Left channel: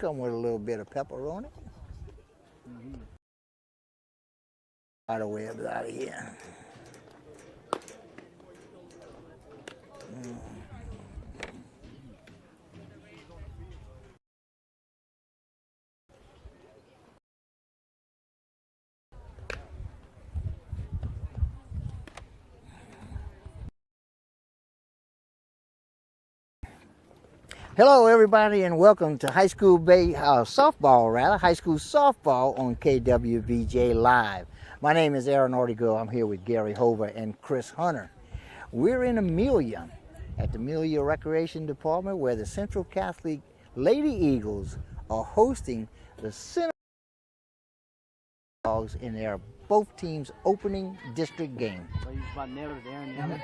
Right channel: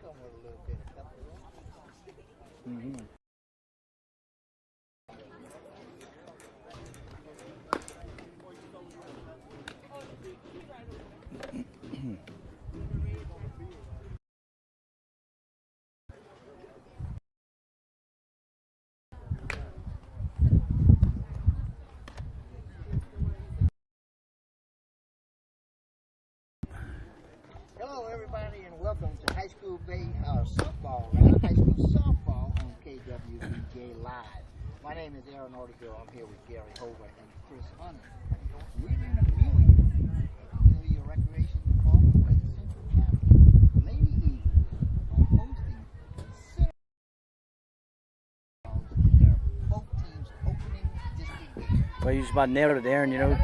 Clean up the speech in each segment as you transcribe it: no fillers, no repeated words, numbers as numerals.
come with a little bit of pepperoni. Right away out of here. Hello everybody and welcome to high school softball on KWBJ Live. My name is Aaron Ortigo. I'm here with Gary Hover and Chris Hunter. We're in Amelia at the Amelia Recreation Department where the Central Catholic Lady Eagles are hosting the Bulldogs in their both teams' opening district game. Well, you just about nailed it, Aaron. You know,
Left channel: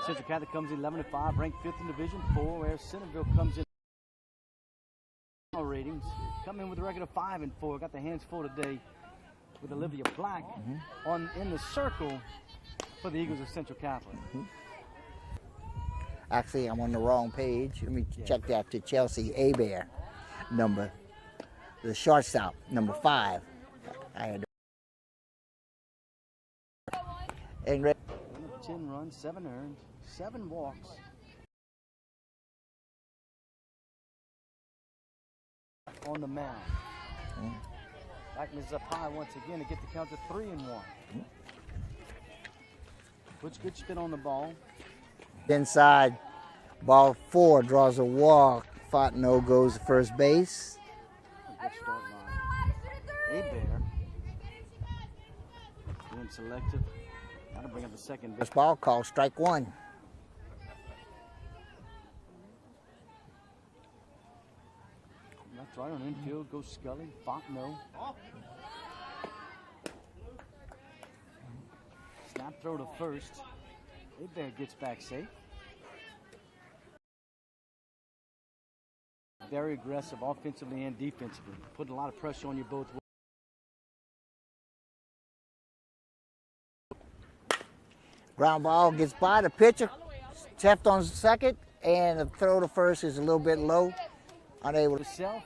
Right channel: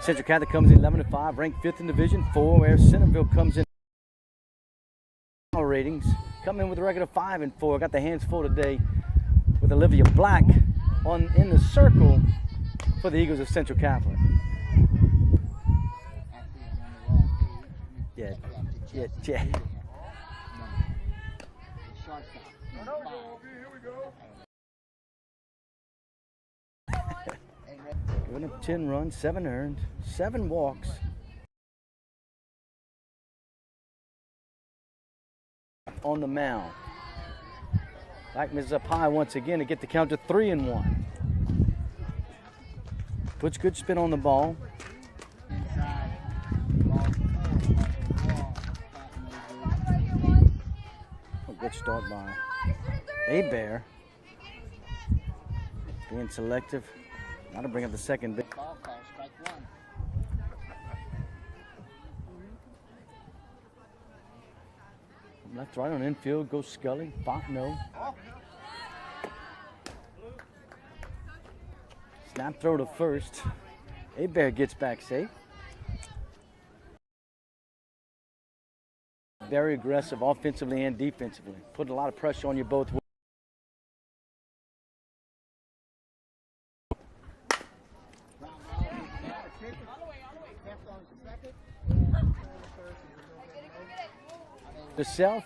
Central Catholic comes in 11-5, ranked 5th in Division 4, where Centerville comes in ratings, come in with a record of 5-4. Got the hands full today with Olivia Black in the circle for the Eagles of Central Catholic. Actually, I'm on the wrong page. Let me check that to Chelsea Abear, the shortstop, number 5. I had Giving up 10 runs, 7 earned, 7 walks. On the mound. Dykeman is up high once again to get the count to 3-1. Puts good spin on the ball. Inside, ball 4 draws a walk. Fontenot goes to first base. A good start by Bear. Being selective. Got to bring up the second base. Ball called strike 1. Left, right on infield, goes Scully, Fontenot. Snap throw to first. Bear gets back safe. Very aggressive offensively and defensively. Putting a lot of pressure on you both ways. Ground ball gets by the pitcher, tapped on second, and the throw to first is a little bit low. Unable to self,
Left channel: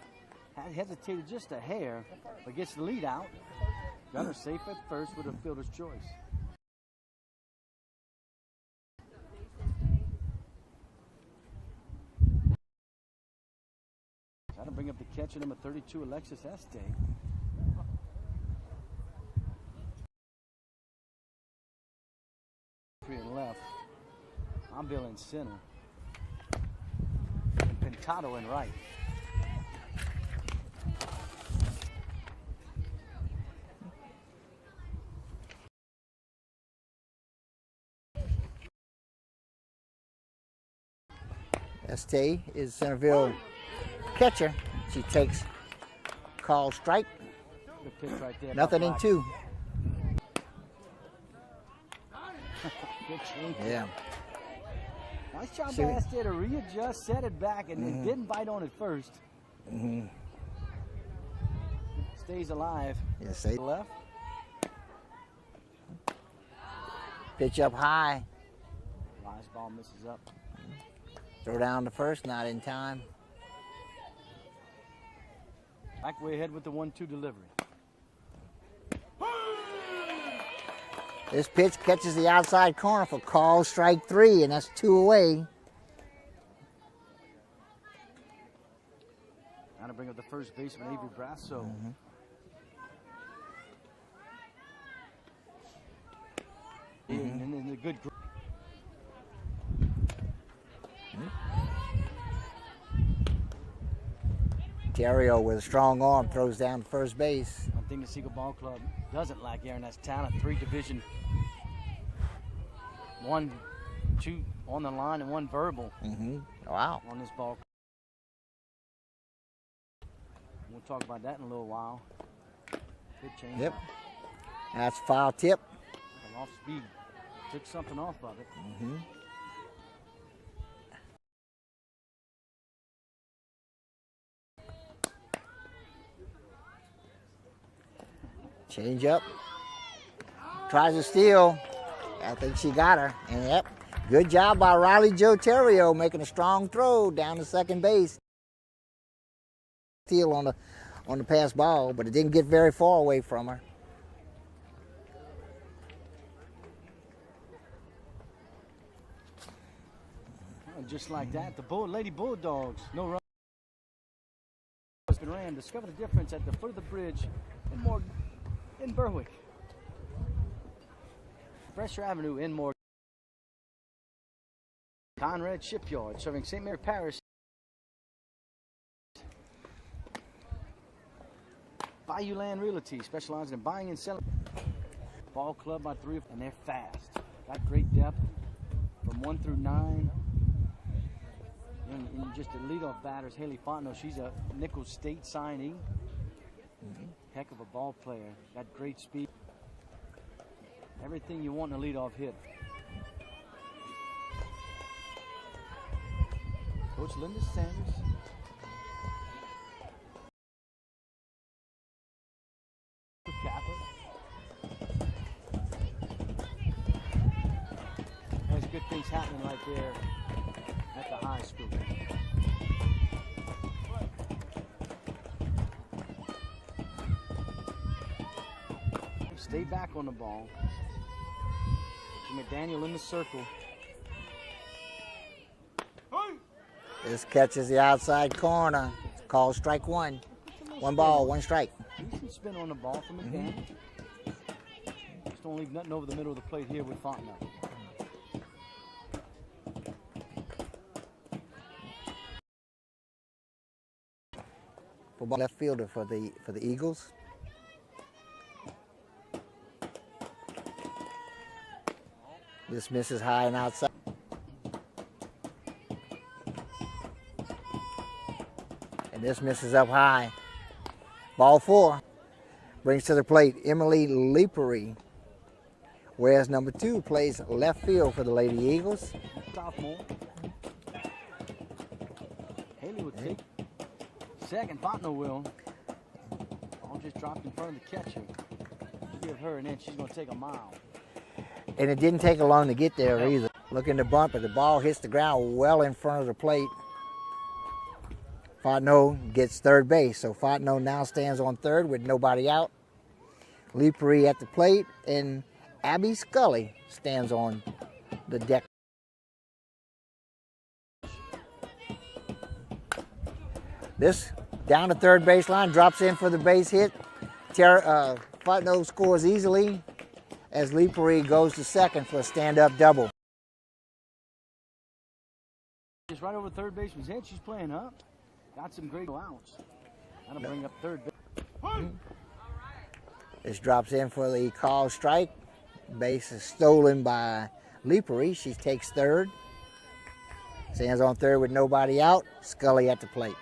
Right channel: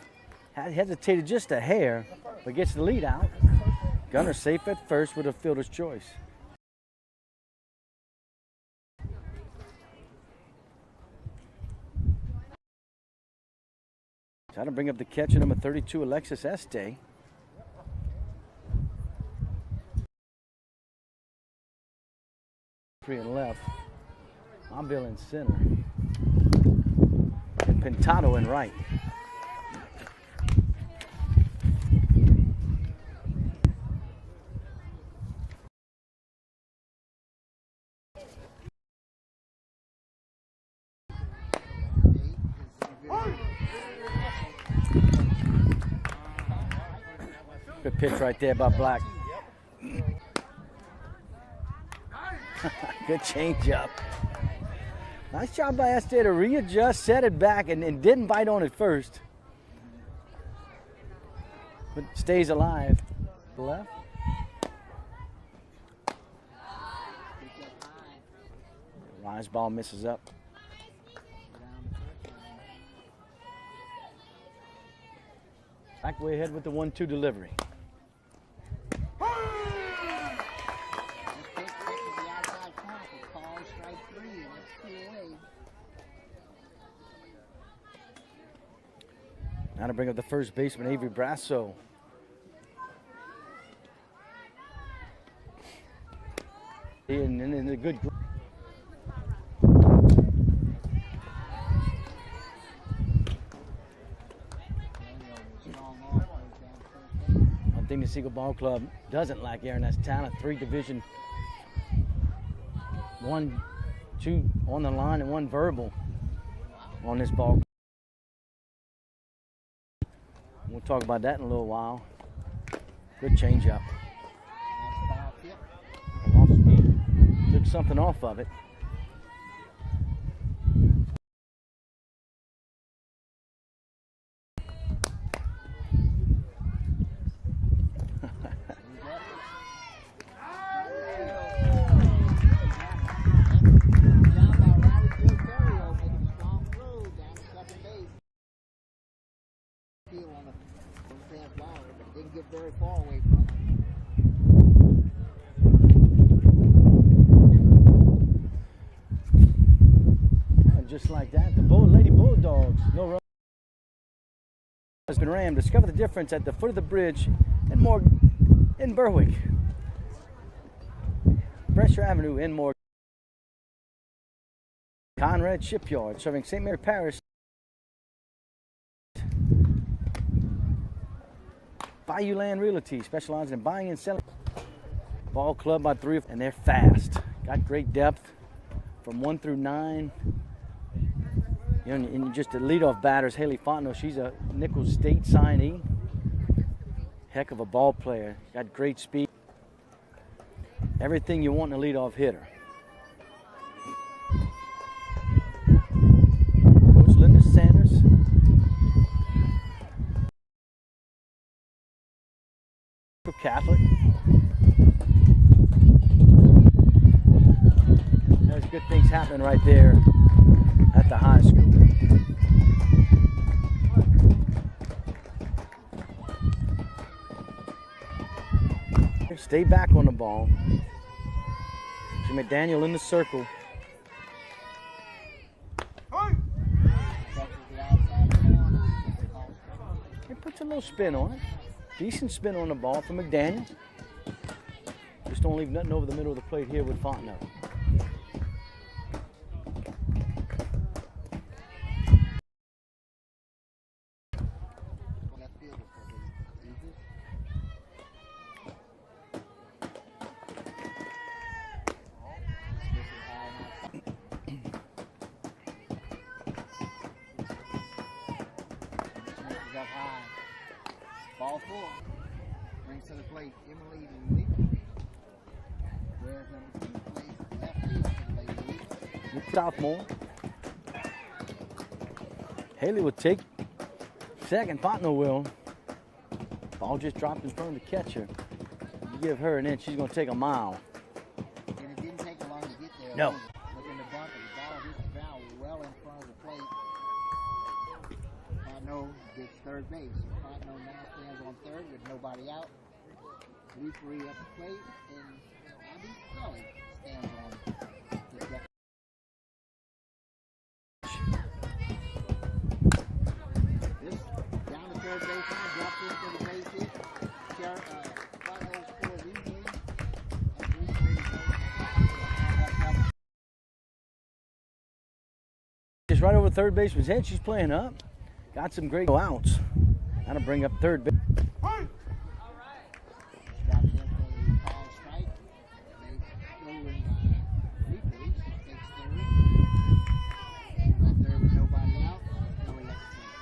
hesitated just a hair, but gets the lead out. Gunner safe at first with a fielder's choice. Trying to bring up the catcher, number 32, Alexis Este. Free and left. Ambil in center. And Pintado in right. Este is Centerville catcher. She takes call strike. Good pitch right there by Nothing Black. in 2. Good changeup. Nice job by Este to readjust, set it back, and didn't bite on it first. But stays alive. Yes, Left. Pitch up high. Rise ball misses up. Throw down to first, not in time. Back way ahead with the 1-2 delivery. This pitch catches the outside corner for call strike 3, and that's 2 away. Now to bring up the first baseman, Avery Brasso. And a good. Terrio with a strong arm throws down first base. One thing the Seagull Ball Club doesn't lack, Aaron, that's talent. 3 division, 1, 2 on the line and 1 verbal. Wow. On this ball. We'll talk about that in a little while. Good changeup. That's foul tip. Off speed. Took something off of it. Change up. Tries to steal. I think she got her. Yep. Good job by Riley Joe Terrio making a strong throw down to second base. Steal on the pass ball, but it didn't get very far away from her. And just like that, the Lady Bulldogs, no run, has been rammed. Discover the difference at the foot of the bridge in Berwick. Pressure Avenue in Morgan. Conrad Shipyard, serving St. Mary Parish. Bayou Land Realty, specializing in buying and selling. Ball club by 3, and they're fast. Got great depth from 1 through 9. You know, and just the leadoff batters, Haley Fontenot, she's a Nichols State signee. Heck of a ball player. Got great speed. Everything you want in a leadoff hitter. Coach Linda Sanders. Catholic. There's good things happening right there at the high school. Stay back on the ball. McDaniel in the circle. This catches the outside corner. It's called strike 1. One ball, 1 strike. Decent spin on the ball from McDaniel. Just don't leave nothing over the middle of the plate here with Fontenot. Left fielder for the Eagles. This misses high and outside. And this misses up high. Ball 4. Brings to the plate Emily Leapery. Whereas number 2 plays left field for the Lady Eagles. Sophomore. Haley will take second. Fontenot will. Ball just dropped in front of the catcher. You give her an inch, she's going to take a mile. And it didn't take her long to get there either. Looking to bump it. The ball hits the ground well in front of the plate. Fontenot gets third base. So Fontenot now stands on third with nobody out. Leapery at the plate, and Abby Scully stands on the deck. This down the third baseline, drops in for the base hit. Fontenot scores easily as Leapery goes to second for a stand-up double. Just right over third baseman's head. She's playing up. Got some great outs. Got to bring up third base. This drops in for the call strike. Base is stolen by Leapery. She takes third. Stands on third with nobody out. Scully at the plate.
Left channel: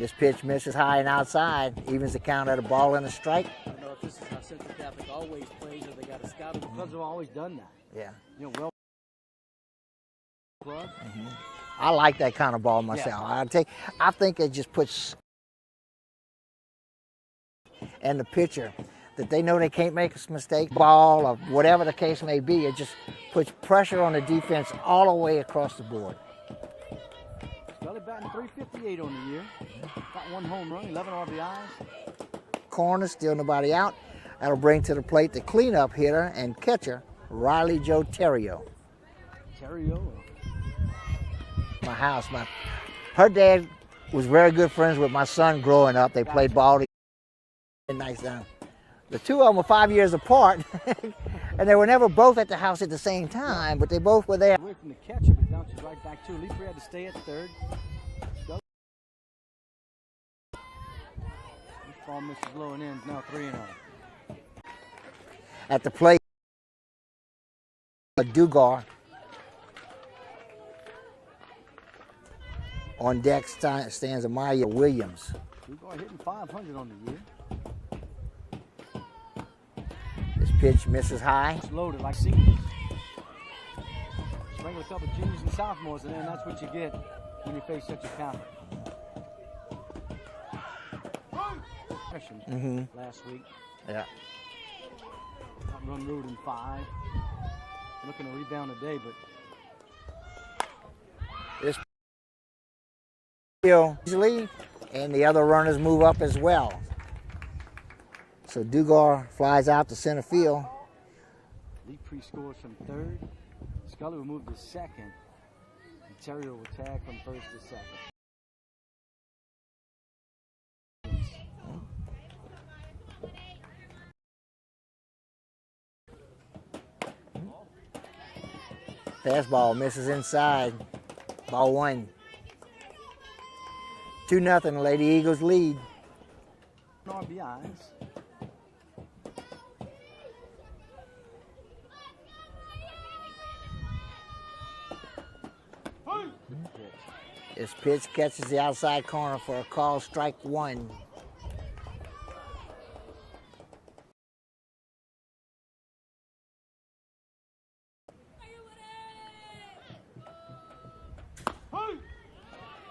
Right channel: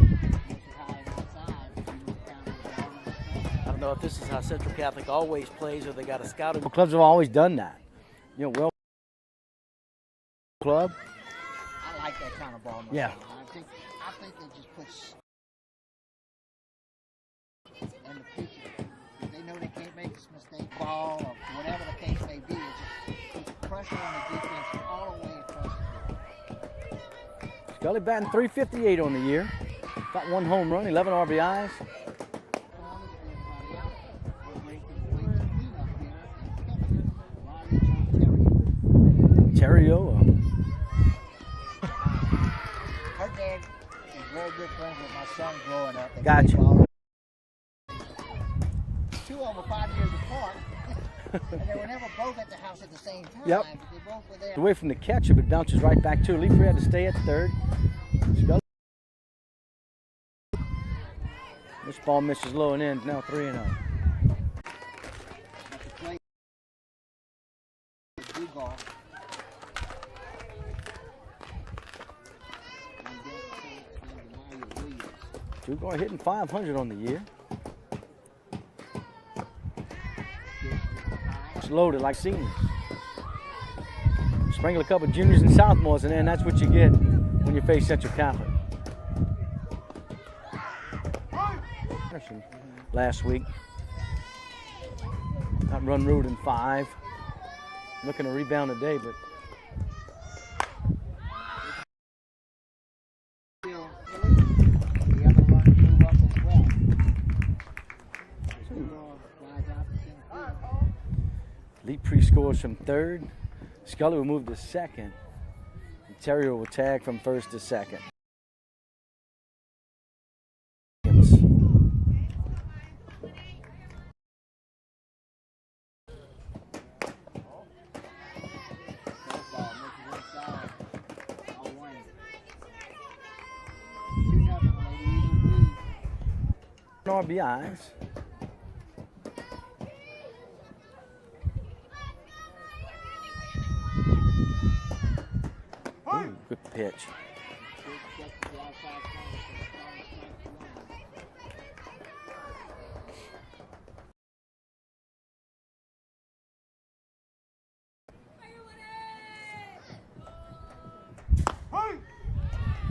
This pitch misses high and outside. Evens the count at a ball and a strike. I don't know if this is how Central Catholic always plays or they got a scouting. Clubs have always done that. Yeah. You know, well, club. Mm-hmm. I like that kind of ball myself. Yeah. I think it just puts, and the pitcher, that they know they can't make a mistake, ball or whatever the case may be, it just puts pressure on the defense all the way across the board. Scully batting .358 on the year. Got 1 home run, 11 RBIs. Corner, still nobody out. That'll bring to the plate the cleanup hitter and catcher, Riley Jo Terrio. My house. Her dad was very good friends with my son growing up. They played ball together. Nice down. The two of them were 5 years apart, and they were never both at the house at the same time, but they both were there. Away from the catcher, but bounces right back to Leapery had to stay at third. Scully. This ball misses low and ends, now 3-0. At the plate, Dugar. On deck stands Amaya Williams. Dugar hitting .500 on the year. This pitch misses high. It's loaded like seniors. Sprinkle a couple juniors and sophomores, and then that's what you get when you face Central Catholic. Last week. Yeah. Got run ruled in 5. Looking to rebound today, but Easily, and the other runners move up as well. So Dugar flies out to center field. Lee pre-scores from third. Scully will move to second. And Terrier will tag from first to second. Fastball misses inside. Ball 1. 2-0, Lady Eagles lead. RBIs. Ooh, good pitch. This pitch catches the outside corner for a call, strike 1.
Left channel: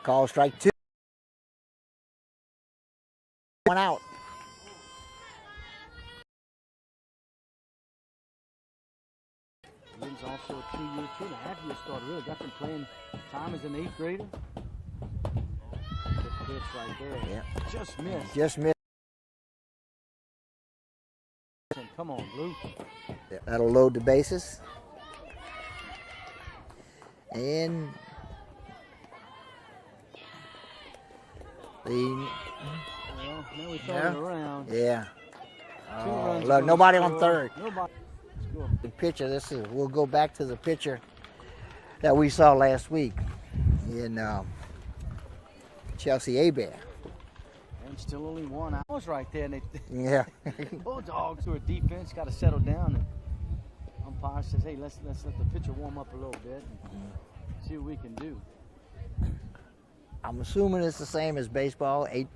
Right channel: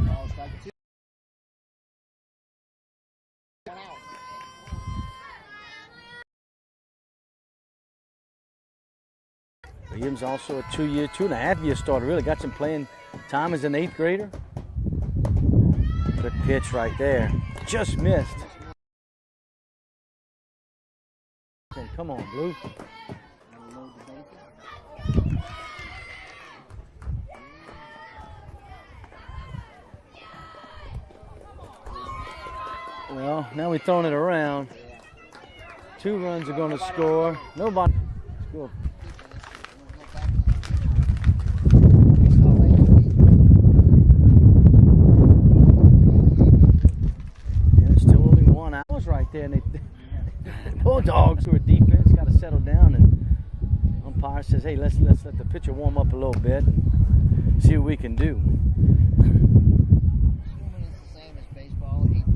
Call, strike 2. 1 out. Williams also a 2.5-year starter. Really got some playing time as an 8th grader. Good pitch right there. Just missed. Just missed. Come on, Blue. That'll load the bases. And Well, now we're throwing it around. yeah. 2 runs. Look, gonna nobody on score. third. Nobody. The pitcher, we'll go back to the pitcher that we saw last week in Chelsea A-Bear. Yeah, still only 1 out. Was right there. And Yeah. Bulldogs, who are defense, got to settle down, and umpire says, "Hey, let's let the pitcher warm up a little bit, see what we can do." I'm assuming it's the same as baseball, eight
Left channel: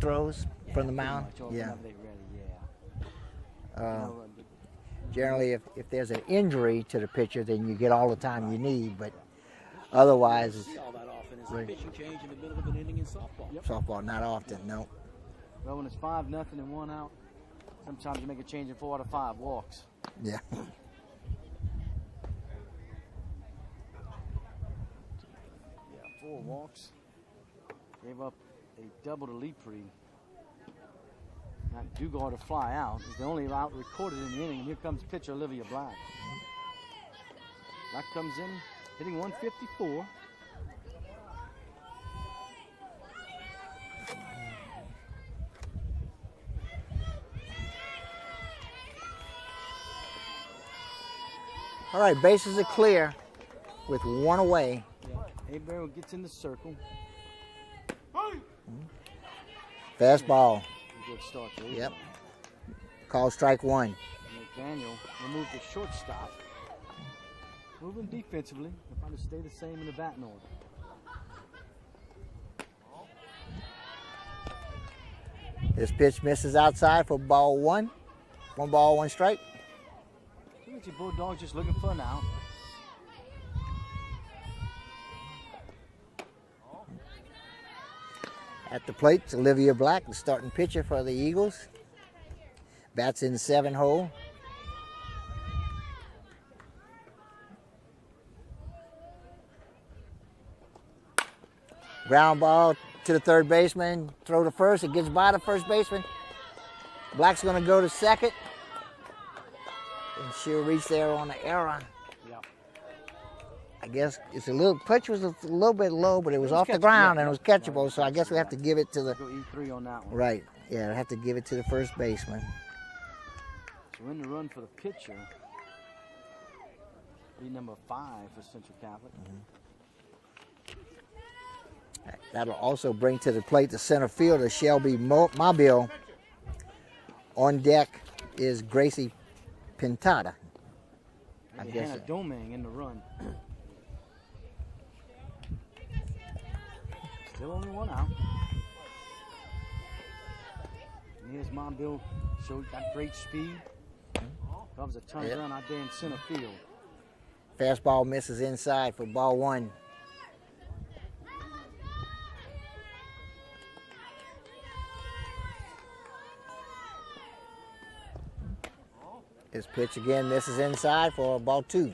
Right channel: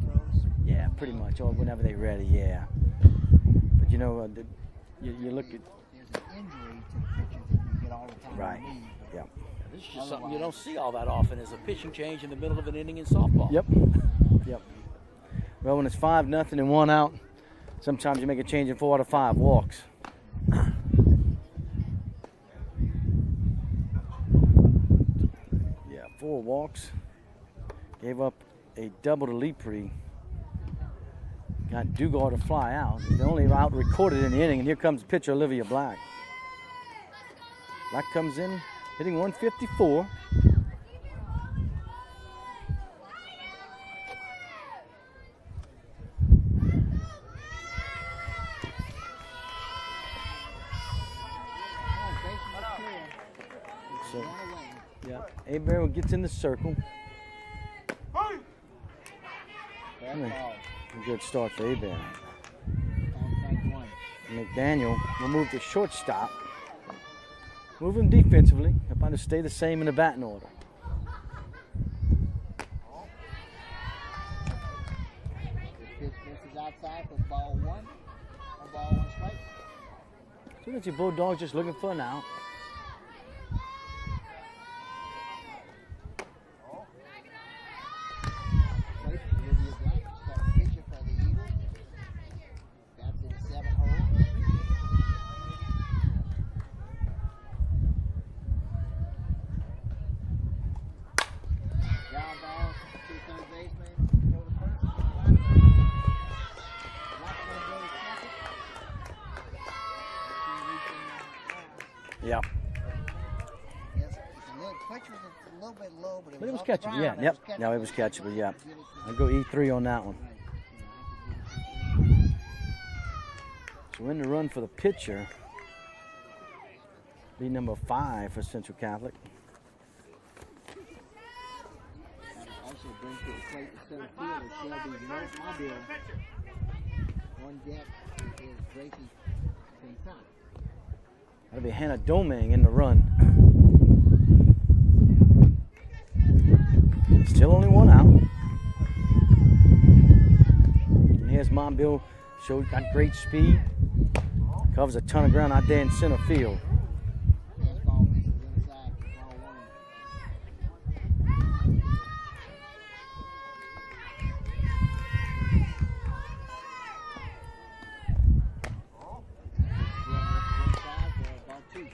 throws from the mound. Much, or Yeah. whenever they ready. Yeah. Generally, if there's an injury to the pitcher, then you get all the time Right. you need. But Yeah. otherwise, You don't see all that often is a pitching change in the middle of an inning in softball. Yep. softball not often. Yep. No. Well, when it's 5-0 and 1 out, sometimes you make a change in 4 out of 5 walks. Yeah. Yeah, 4 walks. Gave up a double to Lepre. Got Dugar to fly out. He's the only out recorded in the inning, and here comes pitcher Olivia Black. Black comes in, hitting 154. All right, bases are clear with 1 away. Yeah, A-Bear gets in the circle. Fastball. A good start for A-Bear. Yep. Call, strike 1. McDaniel will move to shortstop. Moving defensively. About to stay the same in the batting order. This pitch misses outside for ball 1. 1 ball, 1 strike. So that's your Bulldogs just looking for an out. At the plate, it's Olivia Black, the starting pitcher for the Eagles. Bats in 7-hole. Ground ball to the third baseman. Throw to first. It gets by the first baseman. Black's going to go to second. And she'll reach there on the error. Yeah. I guess it's pitch was a little bit low, but it was off the catchable, ground yeah, and it was yep. No, catchable. it was So I guess catchable, we have yeah. to give it to the Go E3 on that one. right. Yeah, I have to give it to the first baseman. So in the run for the pitcher, be number 5 for Central Catholic. That'll also bring to the plate the center fielder, Shelby Mobile. On deck is Gracie Pintada. That'll be Hannah Doming in the run. Still only 1 out. And here's Mobile. Got great speed. Covers a ton of ground out there in center field. Fastball misses inside for ball 1. This pitch again misses inside for ball 2.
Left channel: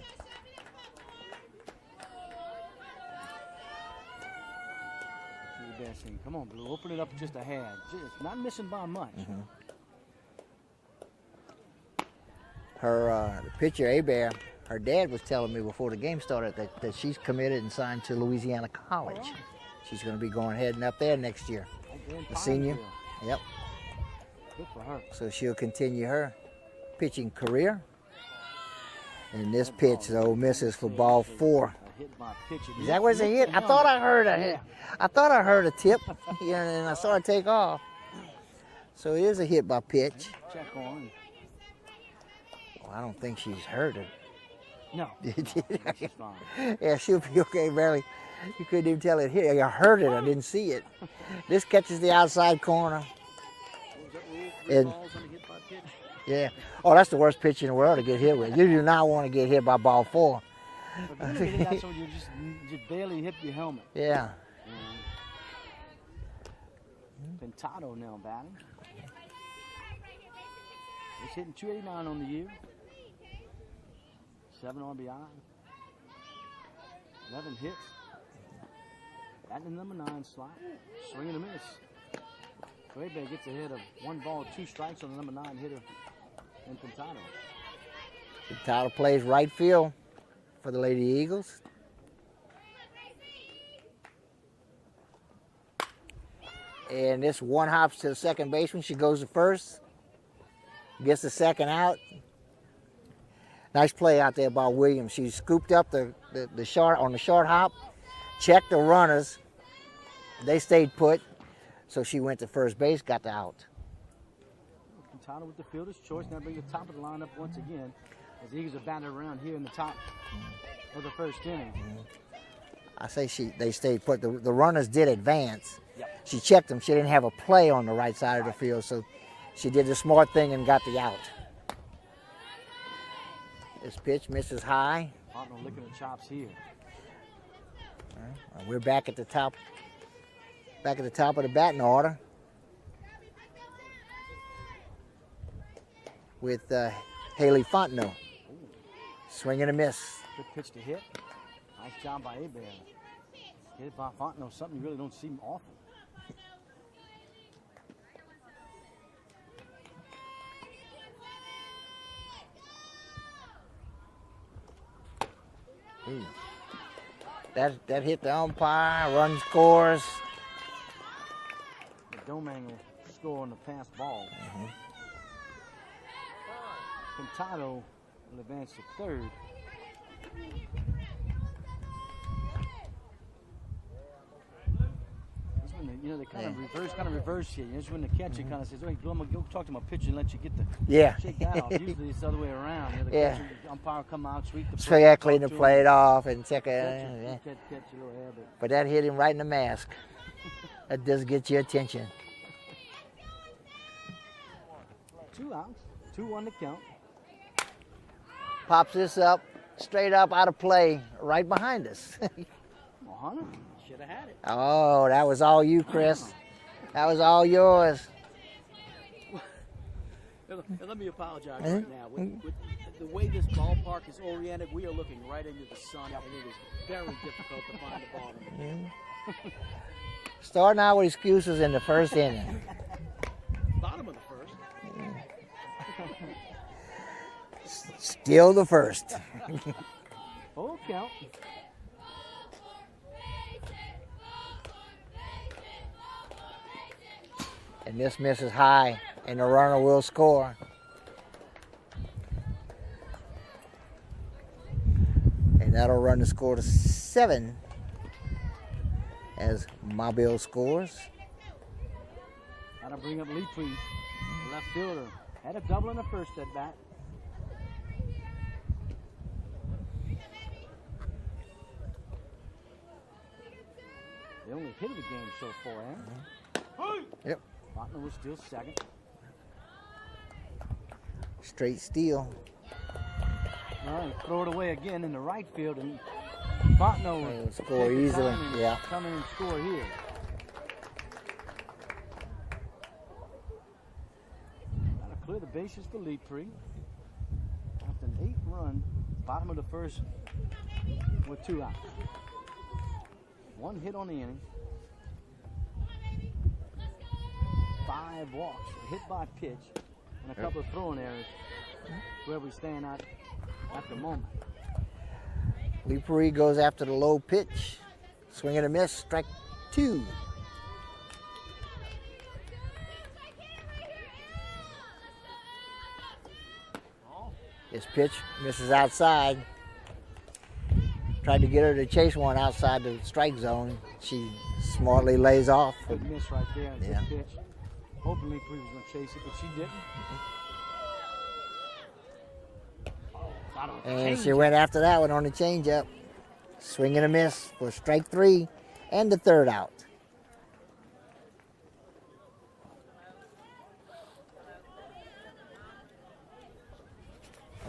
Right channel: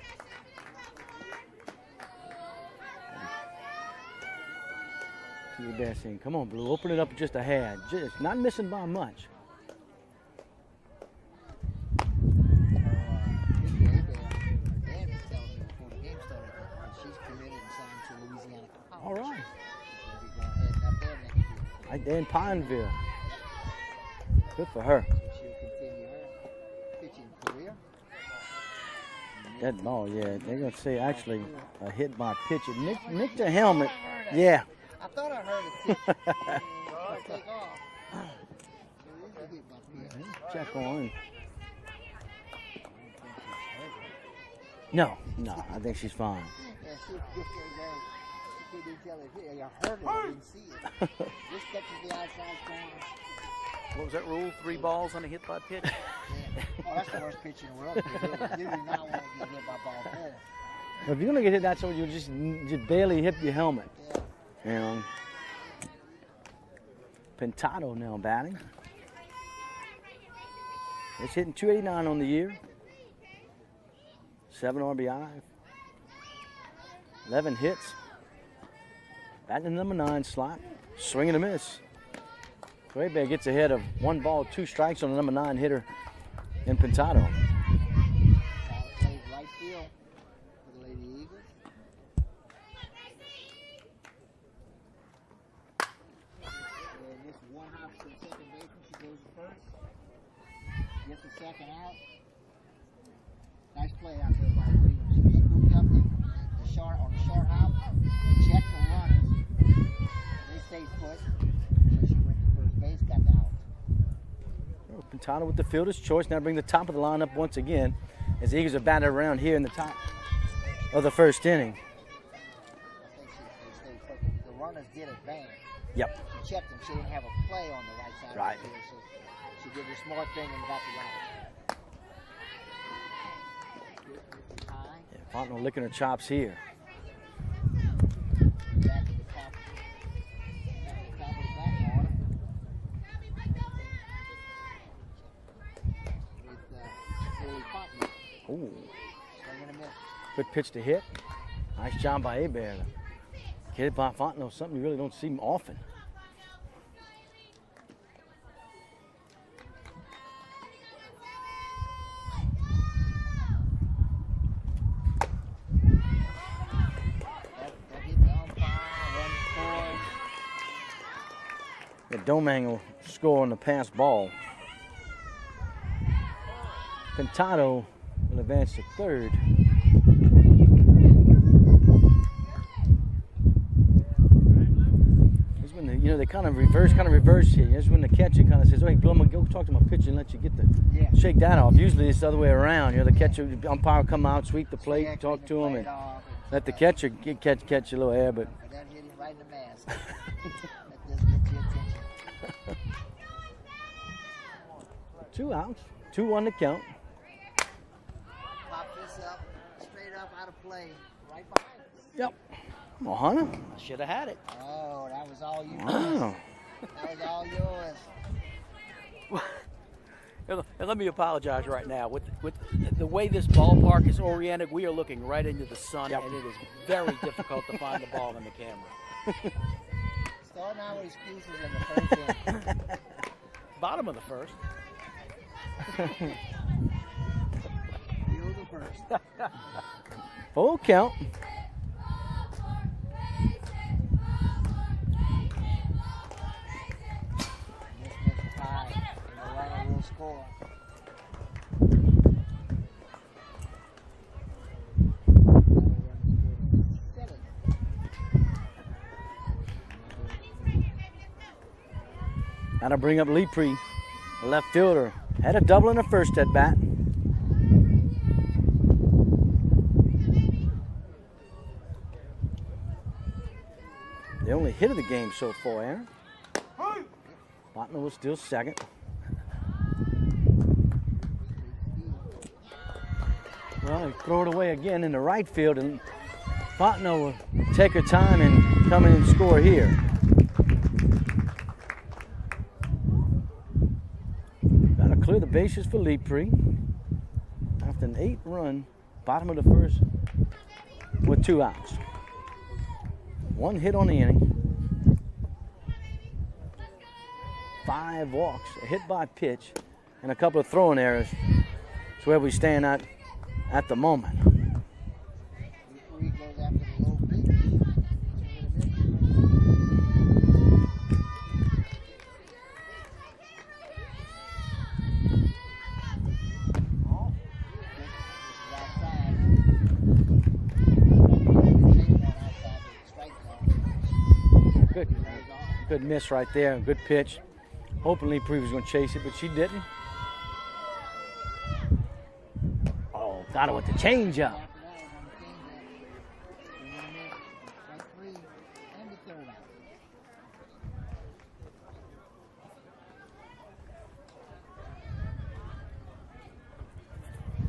See there, passing. Come on, Blue. Open it up just a hair. Just not missing by much. Her pitcher, Abear, her dad was telling me before the game started that she's committed and signed to Louisiana College. All right. She's going to be heading up there next year. Right there in A senior. Pineville. Yep. Good for her. So she'll continue her pitching career. And this That pitch, ball, though, yeah, misses they for say ball actually 4. A hit by pitcher. That was a Hit hit. the I thought helmet. I heard a Yeah. I thought I heard a tip, and I saw it take off. So it is a hit by pitch. Check on. Well, I don't think she's hurt it. No, I think she's fine. Yeah, she'll be okay, barely. You couldn't even tell it hit. I heard it, I didn't see it. This catches the outside corner. What was that rule? 3 And- balls on a hit by pitch? Yeah. Oh, that's the worst pitch in the world to get hit with. You do not want to get hit by ball 4. If you're gonna get hit that so you just barely hit your helmet. Yeah. You know. Pintado now batting. It's hitting 289 on the year. 7 RBI. 11 hits. Batting in number 9 slot. Swing and a miss. Quebe gets ahead of 1 ball, 2 strikes on the number 9 hitter in Pintado. Tyler plays right field for the Lady Eagles. And this one hops to the second baseman. She goes to first. Gets the second out. Nice play out there by Williams. She scooped up the short on the short hop, checked the runners. They stayed put. So she went to first base, got the out. Pintado with the fielder's choice. Now bring the top of the lineup once again as the Eagles are batted around here in the top of the first inning. I say they stayed put. The runners did advance. Yep. She checked them. She didn't have a play on the right side of Right. the field, so she did the smart thing and got the out. This pitch misses high. Fontenot licking her chops here. We're back at the top of the batting order with Haley Fontenot. Ooh, Swing and a miss. good pitch to hit. Nice job by Abear. Hit it by Fontenot, something you really don't see often. That hit the umpire, run scores. The Domang will score on the pass ball. Pintado will advance to third. That's when they kind of reverse here. That's when the catcher kind of says, "Wait, Bill, I'm gonna go talk to my pitcher and let you get Yeah. shake that off." Usually it's the other way around. The Yeah. catcher, the umpire will come out, sweep the plate, Straight clean talk the to plate him, off and let the catcher catch a little air, but But that hit him right in the mask. That does get your attention. 2 outs, 2-1 to count. Pops this up, straight up out of play, right behind us. Come on, Hunter. Should have had it. Oh, that was all you, Chris. Wow. That was all yours. And let me apologize right now. With the way this ballpark is oriented, we are looking right into the sun, and it is very difficult to find the ball in the camera. Starting out with excuses in the first inning. Bottom of the first. Still the first. Full count. And this misses high, and the runner will score. And that'll run the score to 7 as Mobile scores. Now to bring up Lepre, the left fielder. Had a double in the first at bat. The only hit of the game so far, Aaron. Yep. Fontenot was still second. Straight steal. Well, he throw it away again in the right field, and Fontenot will Score take her easily. time and Yeah. come in and score here. Got to clear the bases for Lepre. After an 8-run bottom of the first with 2 outs. 1 hit on the inning. 5 walks, a hit by pitch, and a couple of throwing errors. That's where we stand at the moment. Lee goes after the low pitch. Swing and a miss, strike 2. This pitch misses outside. Tried to get her to chase one outside the strike zone. She smartly lays off. Good miss right there, good pitch. Hoping Lee was going to chase it, but she didn't. Oh, got it with the changeup. She went after that one on the changeup. Swing and a miss for strike 3 and the 3rd out.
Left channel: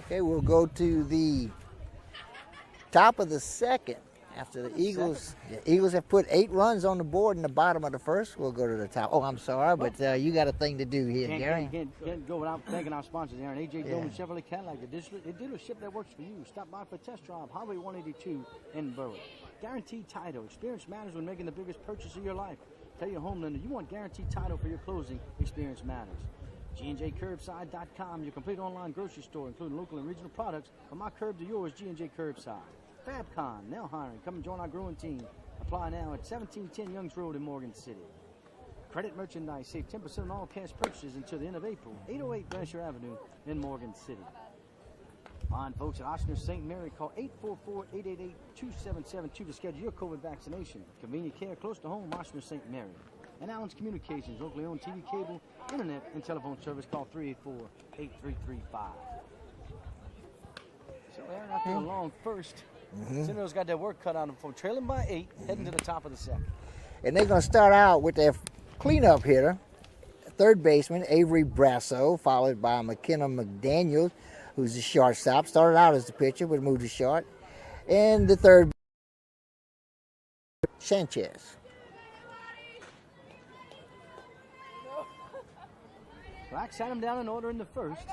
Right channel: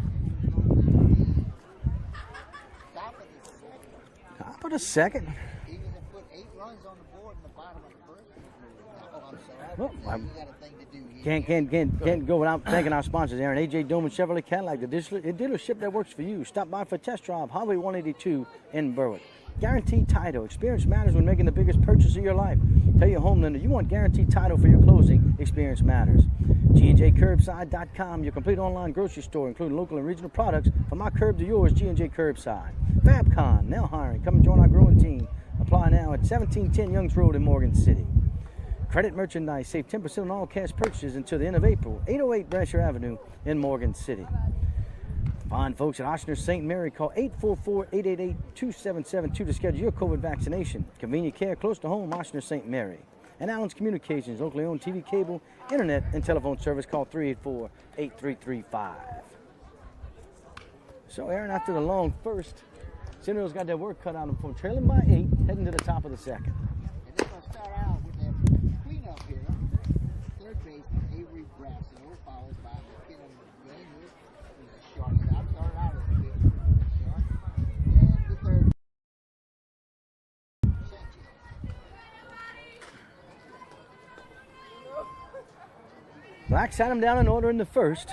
Okay, we'll go to the top of the 2nd. After the Eagles have put 8 runs on the board in the bottom of the 1st. We'll go to the top. Oh, I'm sorry, but you got a thing to do here. Can't go without thanking our sponsors, Aaron. A.J. Doman Chevrolet Cadillac, the dealership that works for you. Stop by for a test drive, Highway 182 in Berwick. Guaranteed title. Experience matters when making the biggest purchase of your life. Tell your home lender you want guaranteed title for your closing. Experience matters. GNJCurbside.com, your complete online grocery store, including local and regional products. From my curb to yours, G&J Curbside. Fabcon, now hiring. Come and join our growing team. Apply now at 1710 Youngs Road in Morgan City. Credit merchandise, save 10% on all cash purchases until the end of April. 808 Brasher Avenue in Morgan City. Fine folks at Ochsner St. Mary, call 844-888-2772 to schedule your COVID vaccination. Convenient care close to home, Ochsner St. Mary. And Allen's Communications, locally owned TV, cable, internet, and telephone service. Call 384-8335. So, Aaron, after a long first, Centerville's got their work cut out of them from trailing by 8, heading to the top of the 2nd. And they're going to start out with their cleanup hitter, third baseman Avery Brasso, followed by McKenna McDaniel, who's the shortstop. Started out as the pitcher, but moved to short. And the third, Sanchez. Black sat him down in order in the 1st.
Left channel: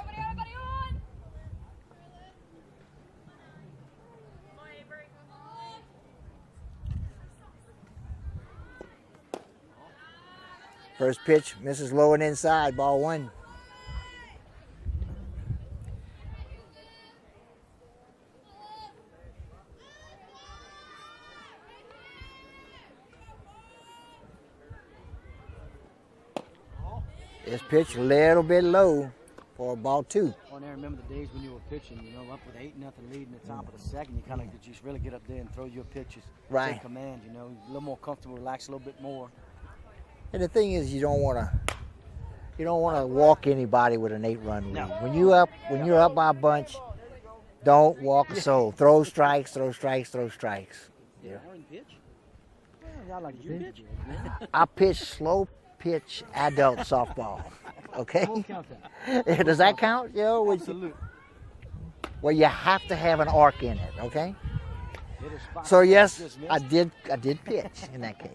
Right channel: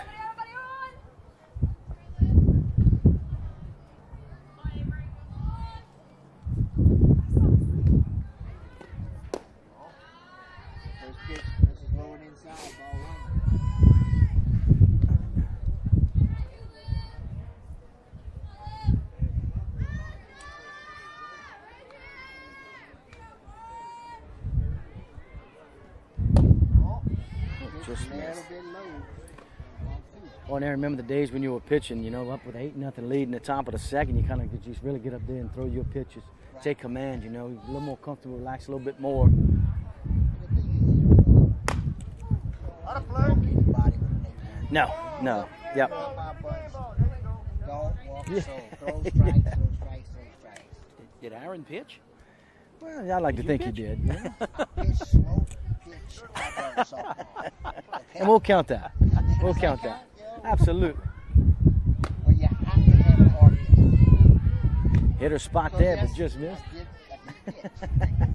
First pitch misses low and inside, ball 1. This pitch a little bit low for ball 2. Oh, and I remember the days when you were pitching, you know, up with 8-0 lead in the top of the 2nd. You kind of could just really get up there and throw your pitches. Right. Take command, you know, a little more comfortable, relax a little bit more. And the thing is, you don't want to walk anybody with an 8-run lead. No. When you're up by a bunch, don't walk the soul. Throw strikes, throw strikes, throw strikes. Did Aaron pitch? Well, I like to think he did. I pitch slow pitch adult softball. Okay. We'll count that. Does that count? You know, Absolutely. Well, you have to have an arc in it. Okay. Hit her spot. So there, yes, just missed. I did pitch in that case.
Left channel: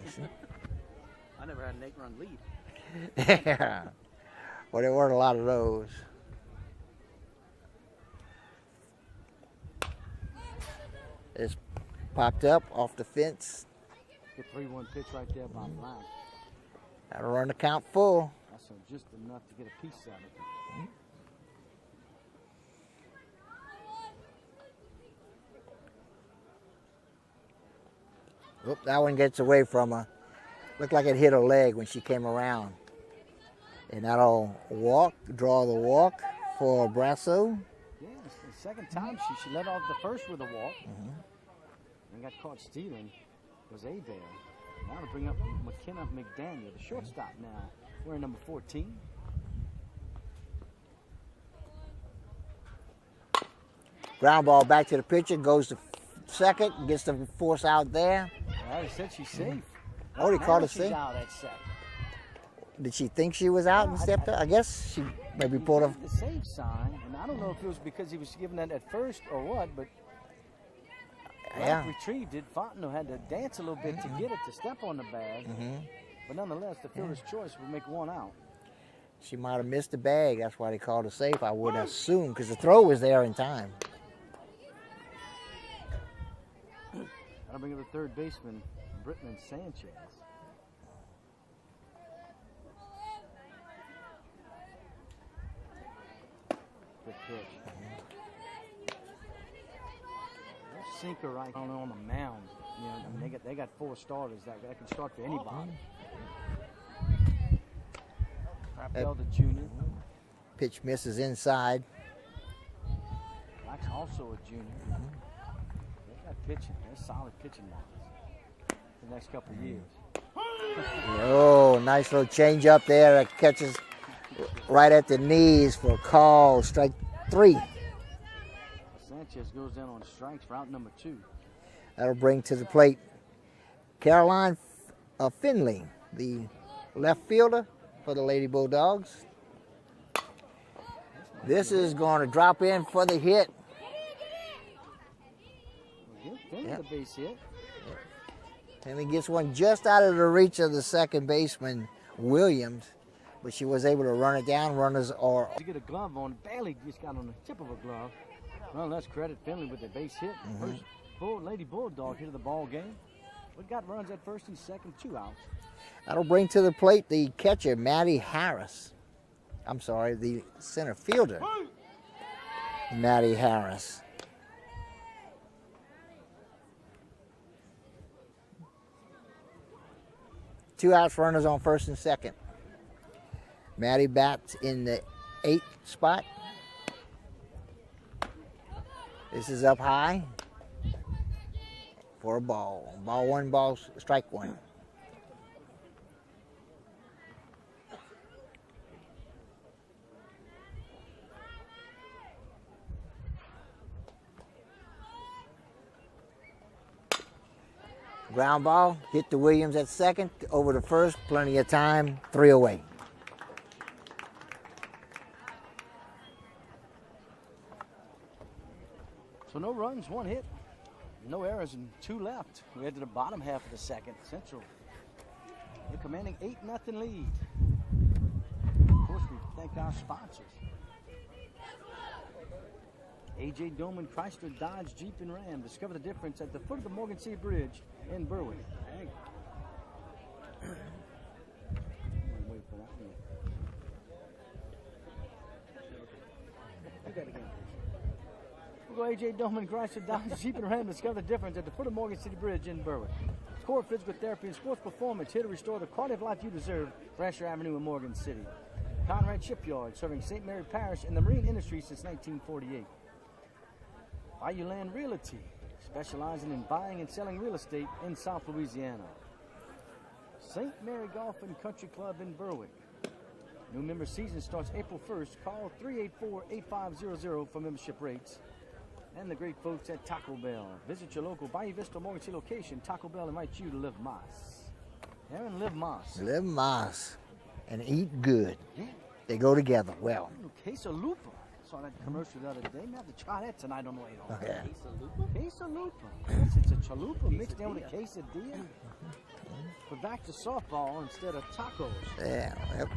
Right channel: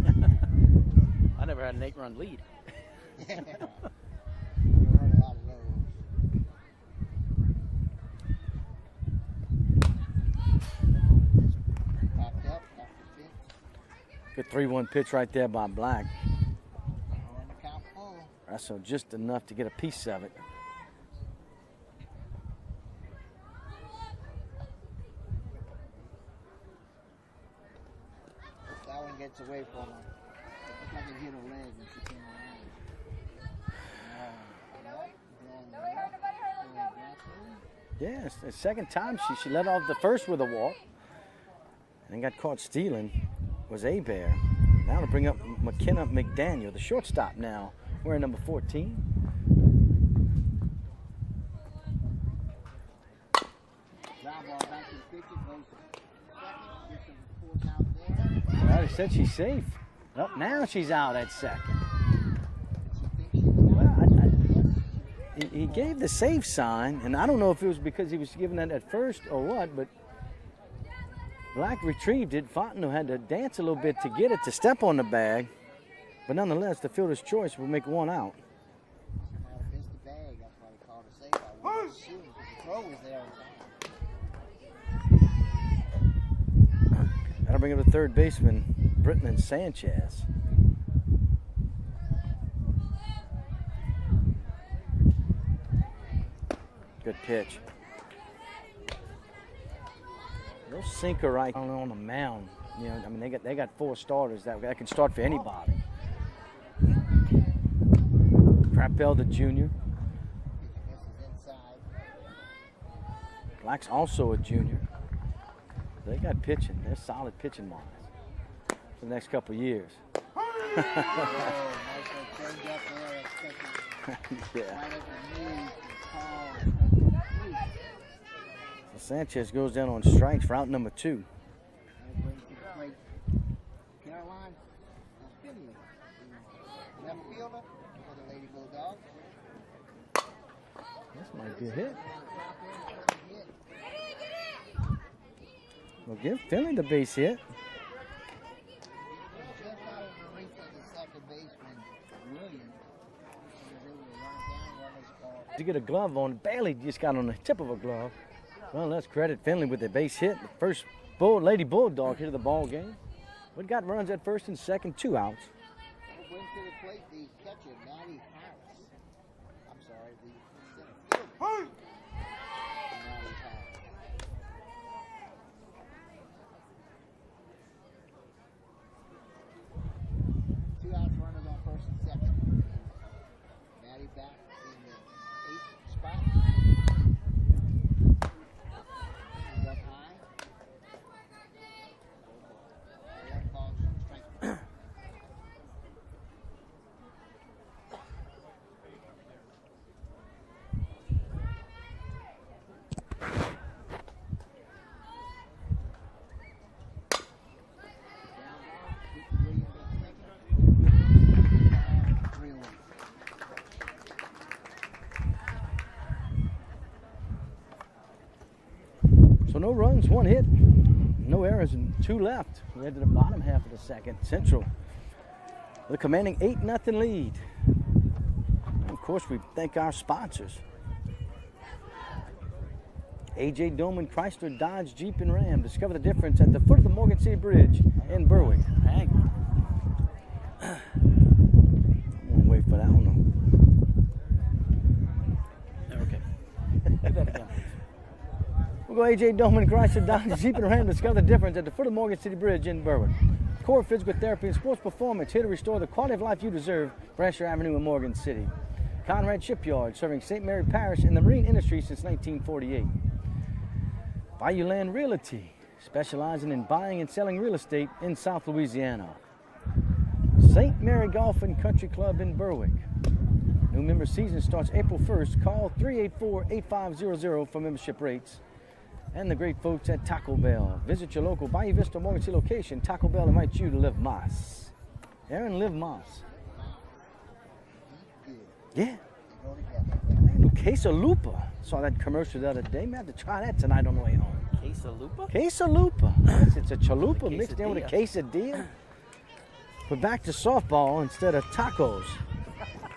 I never had an 8-run lead. Yeah. Well, there weren't a lot of those. It's popped up off the fence. Good 3-1 pitch right there by Black. That'll run the count full. That's so just enough to get a piece of it. Oop, that one gets away from her. Looked like it hit her leg when she came around. And that'll draw the walk for Brasso. Yes, the second time she let off the first with a walk and got caught stealing was Bear. Now to bring up McKenna McDaniel, the shortstop now, wearing number 14. Ground ball back to the pitcher, goes to second, gets the force out there. I already said she's safe. Oh, they now called it she's safe? out at second. Did she think she was out and stepped up? I guess she maybe He pulled gave up. the safe sign, and I don't know if it was because he was giving that at first or what, but Black Yeah. retrieved it. Fontenot had to dance a little bit to get it to step on the bag, but nonetheless, the fielder's choice will make 1 out. She might have missed the bag. That's why they called it safe, I would assume, because the throw was there in time. That'll bring up the third baseman, Britton Sanchez. Good pitch. No sinker right on the mound. You know, I mean, they got 4 starters that can start for anybody. Crapel, the junior. Pitch misses inside. Black's also a junior. They got pitching. They're solid pitching wise for the next couple of years. Oh, nice little change up there that catches right at the knees for a call. Strike 3. So Sanchez goes down on strikes for out number 2. That'll bring to the plate Caroline Finley, the left fielder for the Lady Bulldogs. This is going to drop in for the hit. Well, give Finley the base hit. And he gets one just out of the reach of the second baseman, Williams, but she was able to run it down. Runners are... To get a glove on, barely just got on the tip of a glove. Well, let's credit Finley with the base hit. The first Lady Bulldog hit of the ball game. We got runs at first and second, 2 outs. That'll bring to the plate the catcher, Maddie Harris. I'm sorry, the center fielder, Maddie Harris. Two outs, runners on first and second. Maddie bats in the 8th spot. This is up high for a ball. Ball 1, strike 1. Ground ball, hit to Williams at second, over to first, plenty of time, 3 away. So no runs, 1 hit, no errors, and 2 left. We head to the bottom half of the second. Central, the commanding 8-0 lead. Of course, we thank our sponsors. A.J. Doman, Chrysler, Dodge, Jeep, and Ram. Discover the difference at the foot of the Morgan City Bridge in Berwick. Hang on. I'm gonna wait for that one. Okay. We'll go A.J. Doman, Chrysler, Dodge, Jeep, and Ram. Discover the difference at the foot of the Morgan City Bridge in Berwick. Core Physical Therapy and Sports Performance, here to restore the quality of life you deserve. Brasher Avenue in Morgan City. Conrad Shipyard, serving St. Mary Parish and the marine industry since 1948. Bayou Land Realty, specializing in buying and selling real estate in South Louisiana. St. Mary Golf and Country Club in Berwick. New member season starts April 1st. Call 384-8500 for membership rates. And the great folks at Taco Bell. Visit your local Bayou Vista Morgan City location. Taco Bell invites you to live Moss. Aaron, live Moss. Live Moss and eat good. Yeah. They go together well. Quesalupa. Saw that commercial the other day. May have to try that tonight on the way home. Yeah. Quesalupa? Quesalupa. Yes, it's a chalupa A mixed in with a quesadilla. quesadilla. We're back to softball instead of tacos. Yeah. Yep.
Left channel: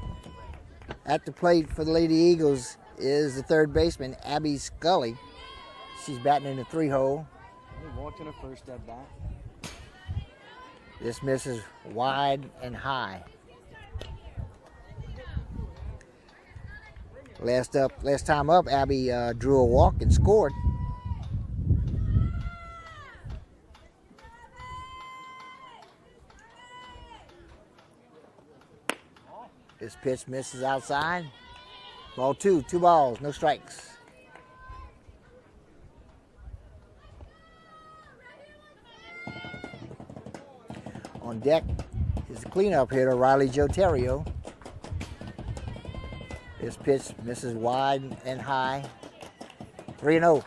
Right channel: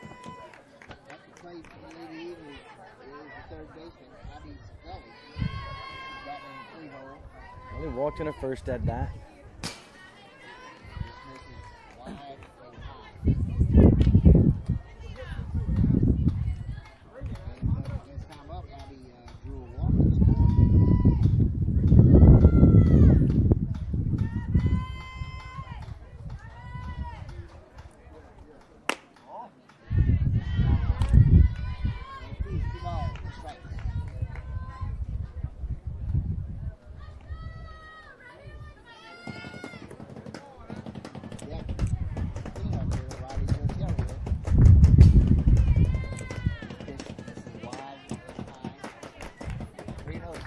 At the plate for the Lady Eagles is the third baseman, Abby Scully. She's batting in the 3-hole. Only walked in her first at bat. This misses wide and high. Last time up, Abby drew a walk and scored. This pitch misses outside. Ball 2, 2 balls, no strikes. On deck is cleanup hitter Riley Jotario. This pitch misses wide and high. 3-0.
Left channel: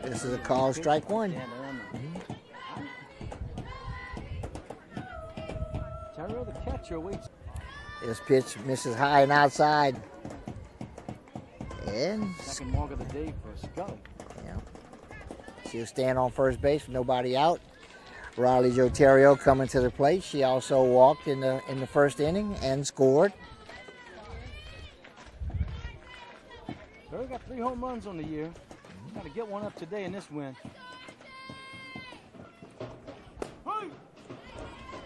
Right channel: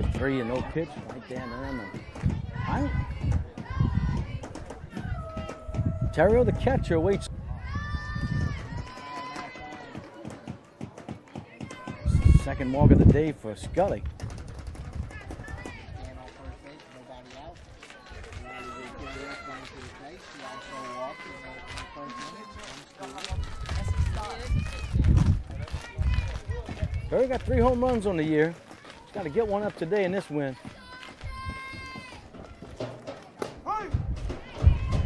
This is a call, strike 1. Terrio, the catcher, waits. This pitch misses high and outside. And Second walk of the day for Scully. she'll stand on first base, nobody out. Riley Jotario coming to the plate. She also walked in the first inning and scored. Berry got 3 home runs on the year. Got to get one up today in this win.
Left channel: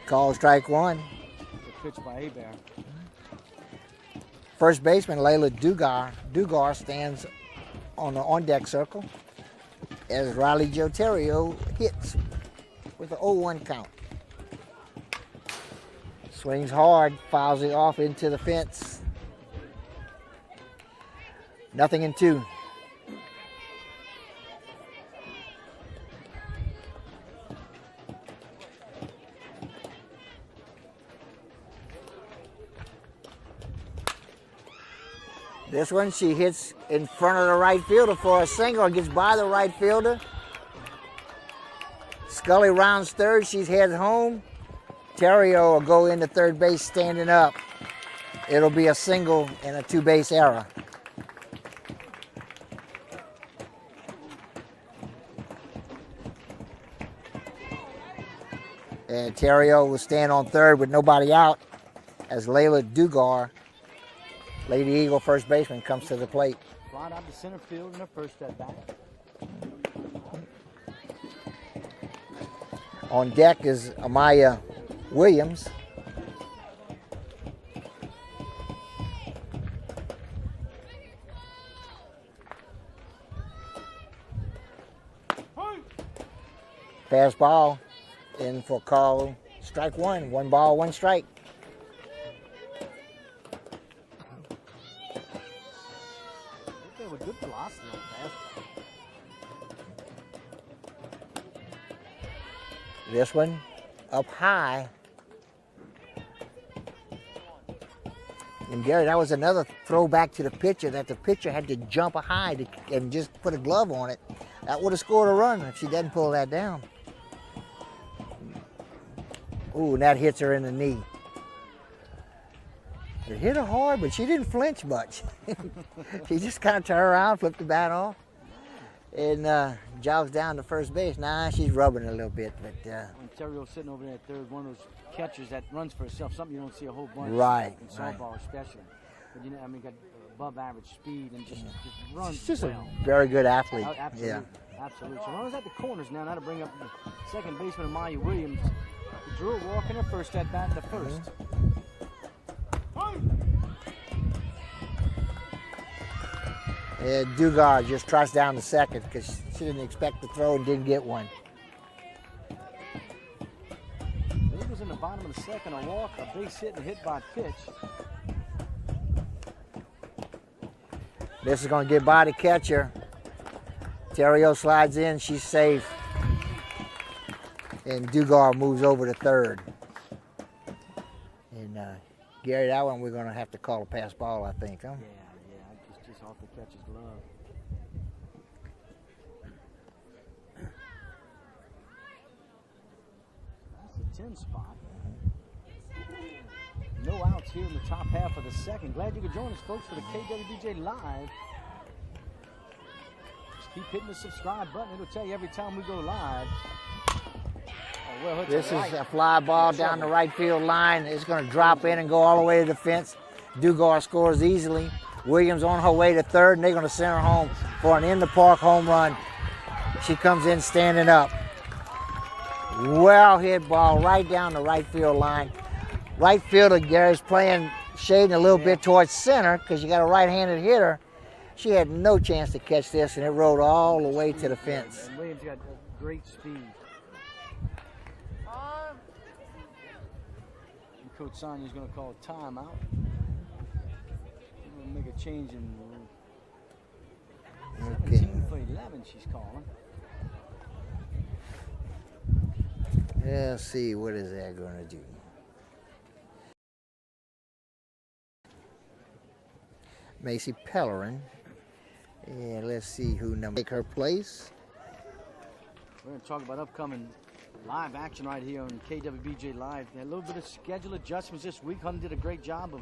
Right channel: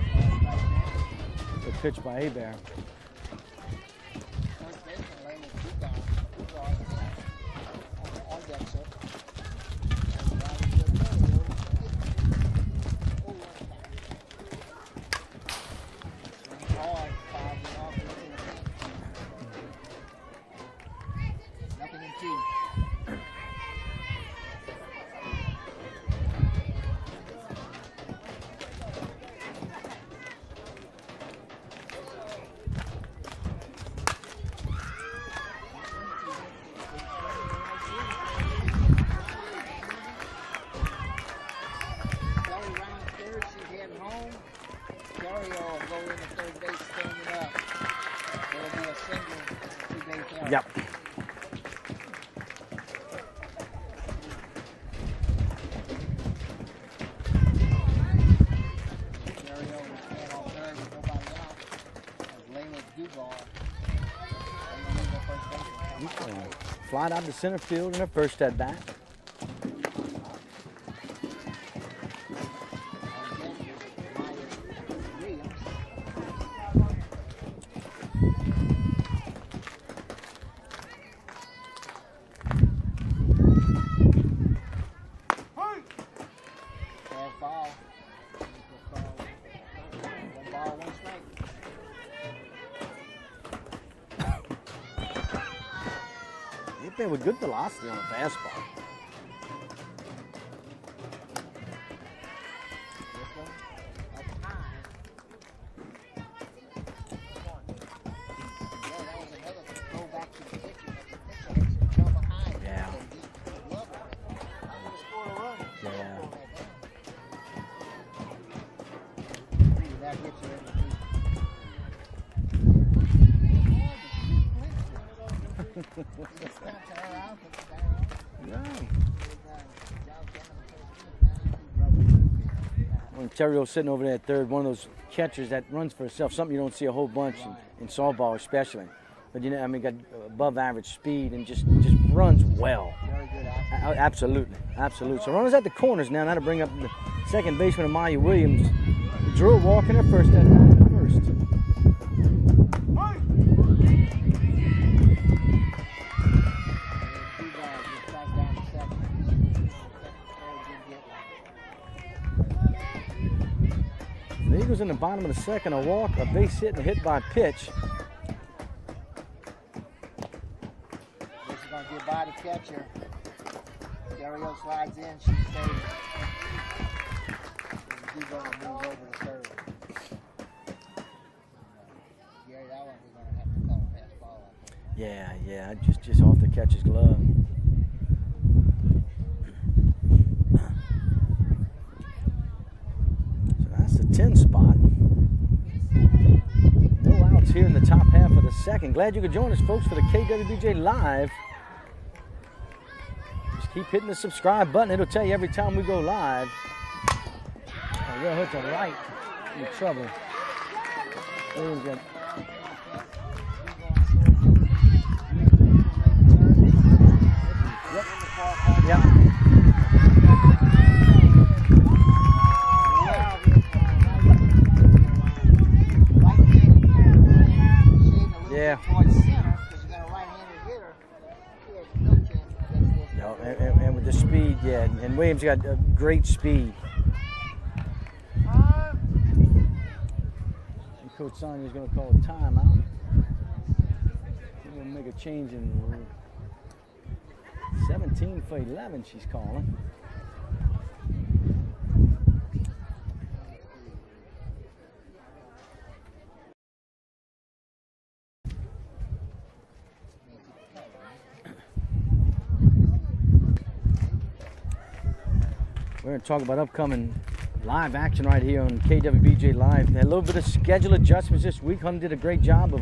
Call strike one. Good pitch by Hebert. First baseman Layla Dugar stands on the on-deck circle as Riley Joterio hits with an 0-1 count. Swings hard, fouls it off into the fence. 0-2. This one she hits in front of the right fielder for a single. Gets by the right fielder. Scully rounds third. She's headed home. Terrio will go into third base standing up. It'll be a single and a two-base error. Yep. And Terrio will stand on third with nobody out as Layla Dugar, Lady Eagle first baseman, comes to the plate. Flied out to center field in her first at bat. On deck is Amaya Williams. Pass ball in for call strike one. 1 ball, 1 strike. They with good velocity on a fastball. This one up high. And Gary, that was another throwback to the pitcher, that the pitcher had to jump high and just put a glove on it. That would have scored a run if she didn't pull that down. Ooh, and that hits her in the knee. It hit her hard, but she didn't flinch much. She just kind of turned around, flipped the bat off, and jogs down to first base. Nah, she's rubbing a little bit. But Terrio's sitting over there at third, one of those catchers that runs for herself, something you don't see a whole bunch in softball especially. But you know, I mean, got above average speed and just runs just well. A very good athlete. Absolutely, absolutely. So runners at the corners now. That'll bring up the second baseman, Amaya Williams. Drew walking her first at bat in the first. And Dugar just trots down to second because she didn't expect to throw and didn't get one. The Eagles in the bottom of the second, a walk, a base hit, a hit by pitch. This is going to get by the catcher. Terrio slides in, she's safe. And Dugar moves over to third. And Gary, that one we're going to have to call a pass ball, I think, huh? Yeah, just off the catcher's glove. So that's the 10 spot. No outs here in the top half of the second. Glad you could join us, folks, for the KWBJ Live. Just keep hitting the subscribe button. It'll tell you every time we go live. This is a fly ball down the right field line. It's going to drop in and go all the way to the fence. Dugar scores easily. Williams on her way to third, and they're going to send her home for an in-the-park home run. She comes in standing up. Well hit ball right down the right field line. Right fielder, Gary's shading a little bit towards center because you got a right-handed hitter. She had no chance to catch this, and it rolled all the way to the fence. And Williams got great speed. Coach Sonia's going to call a timeout. She's going to make a change in 17 for 11 she's calling. Let's see, what is that going to do? Macy Pellerin. And let's see who take her place. We're going to talk about upcoming live action right here on KWBJ Live. Had a little bit of schedule adjustments this week. Hunter did a great job of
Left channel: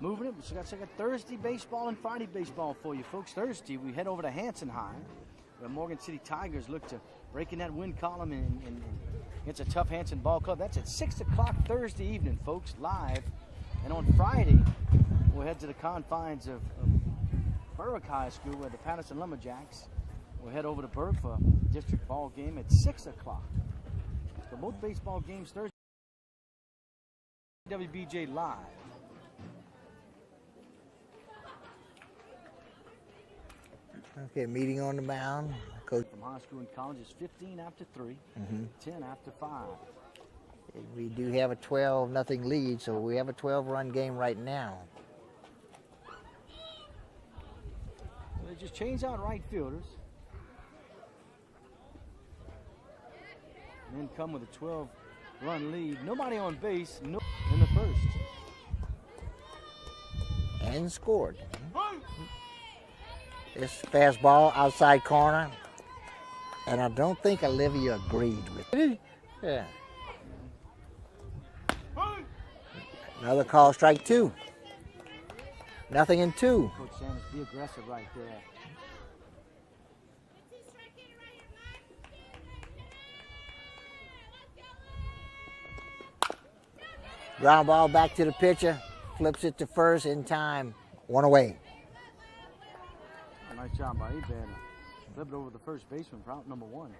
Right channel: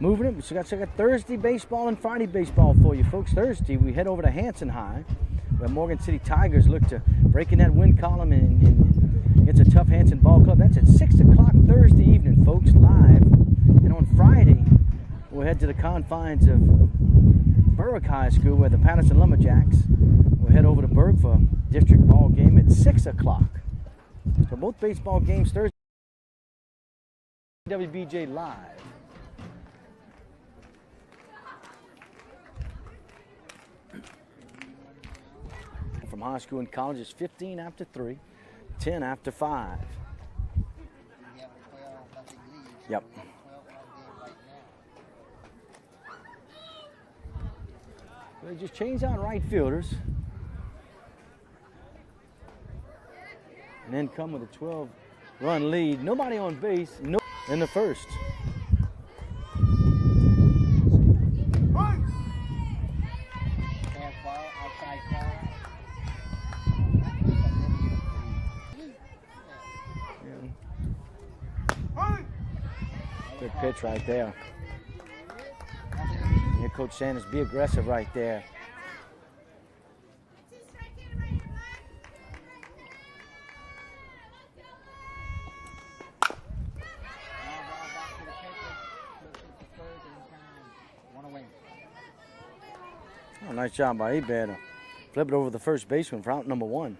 moving it. So we got Thursday baseball and Friday baseball for you folks. Thursday, we head over to Hanson High, where Morgan City Tigers look to break in that win column, and it's a tough Hanson ball club. That's at 6 o'clock Thursday evening, folks, live. And on Friday, We'll head to the confines of Berwick High School where the Patterson Lumberjacks will head over to Berwick for a district ball game at 6 o'clock. So both baseball games Thursday. KWBJ Live. Okay, meeting on the mound. Coach from high school and college is 15 after 3, 10 after 5. We do have a 12-0 lead, so we have a 12-run game right now. They just changed out right fielders. And then come with a 12-run lead. Nobody on base in the first. And scored. This fastball outside corner. And I don't think Olivia agreed with it. Yeah. Another call, strike right 2. Nothing in 2. Yeah, Coach Sanders, be aggressive right there. Ground ball back to the pitcher. Flips it to first in time. 1 away. Oh, nice job by Abed. Flip it over the first baseman for out number 1.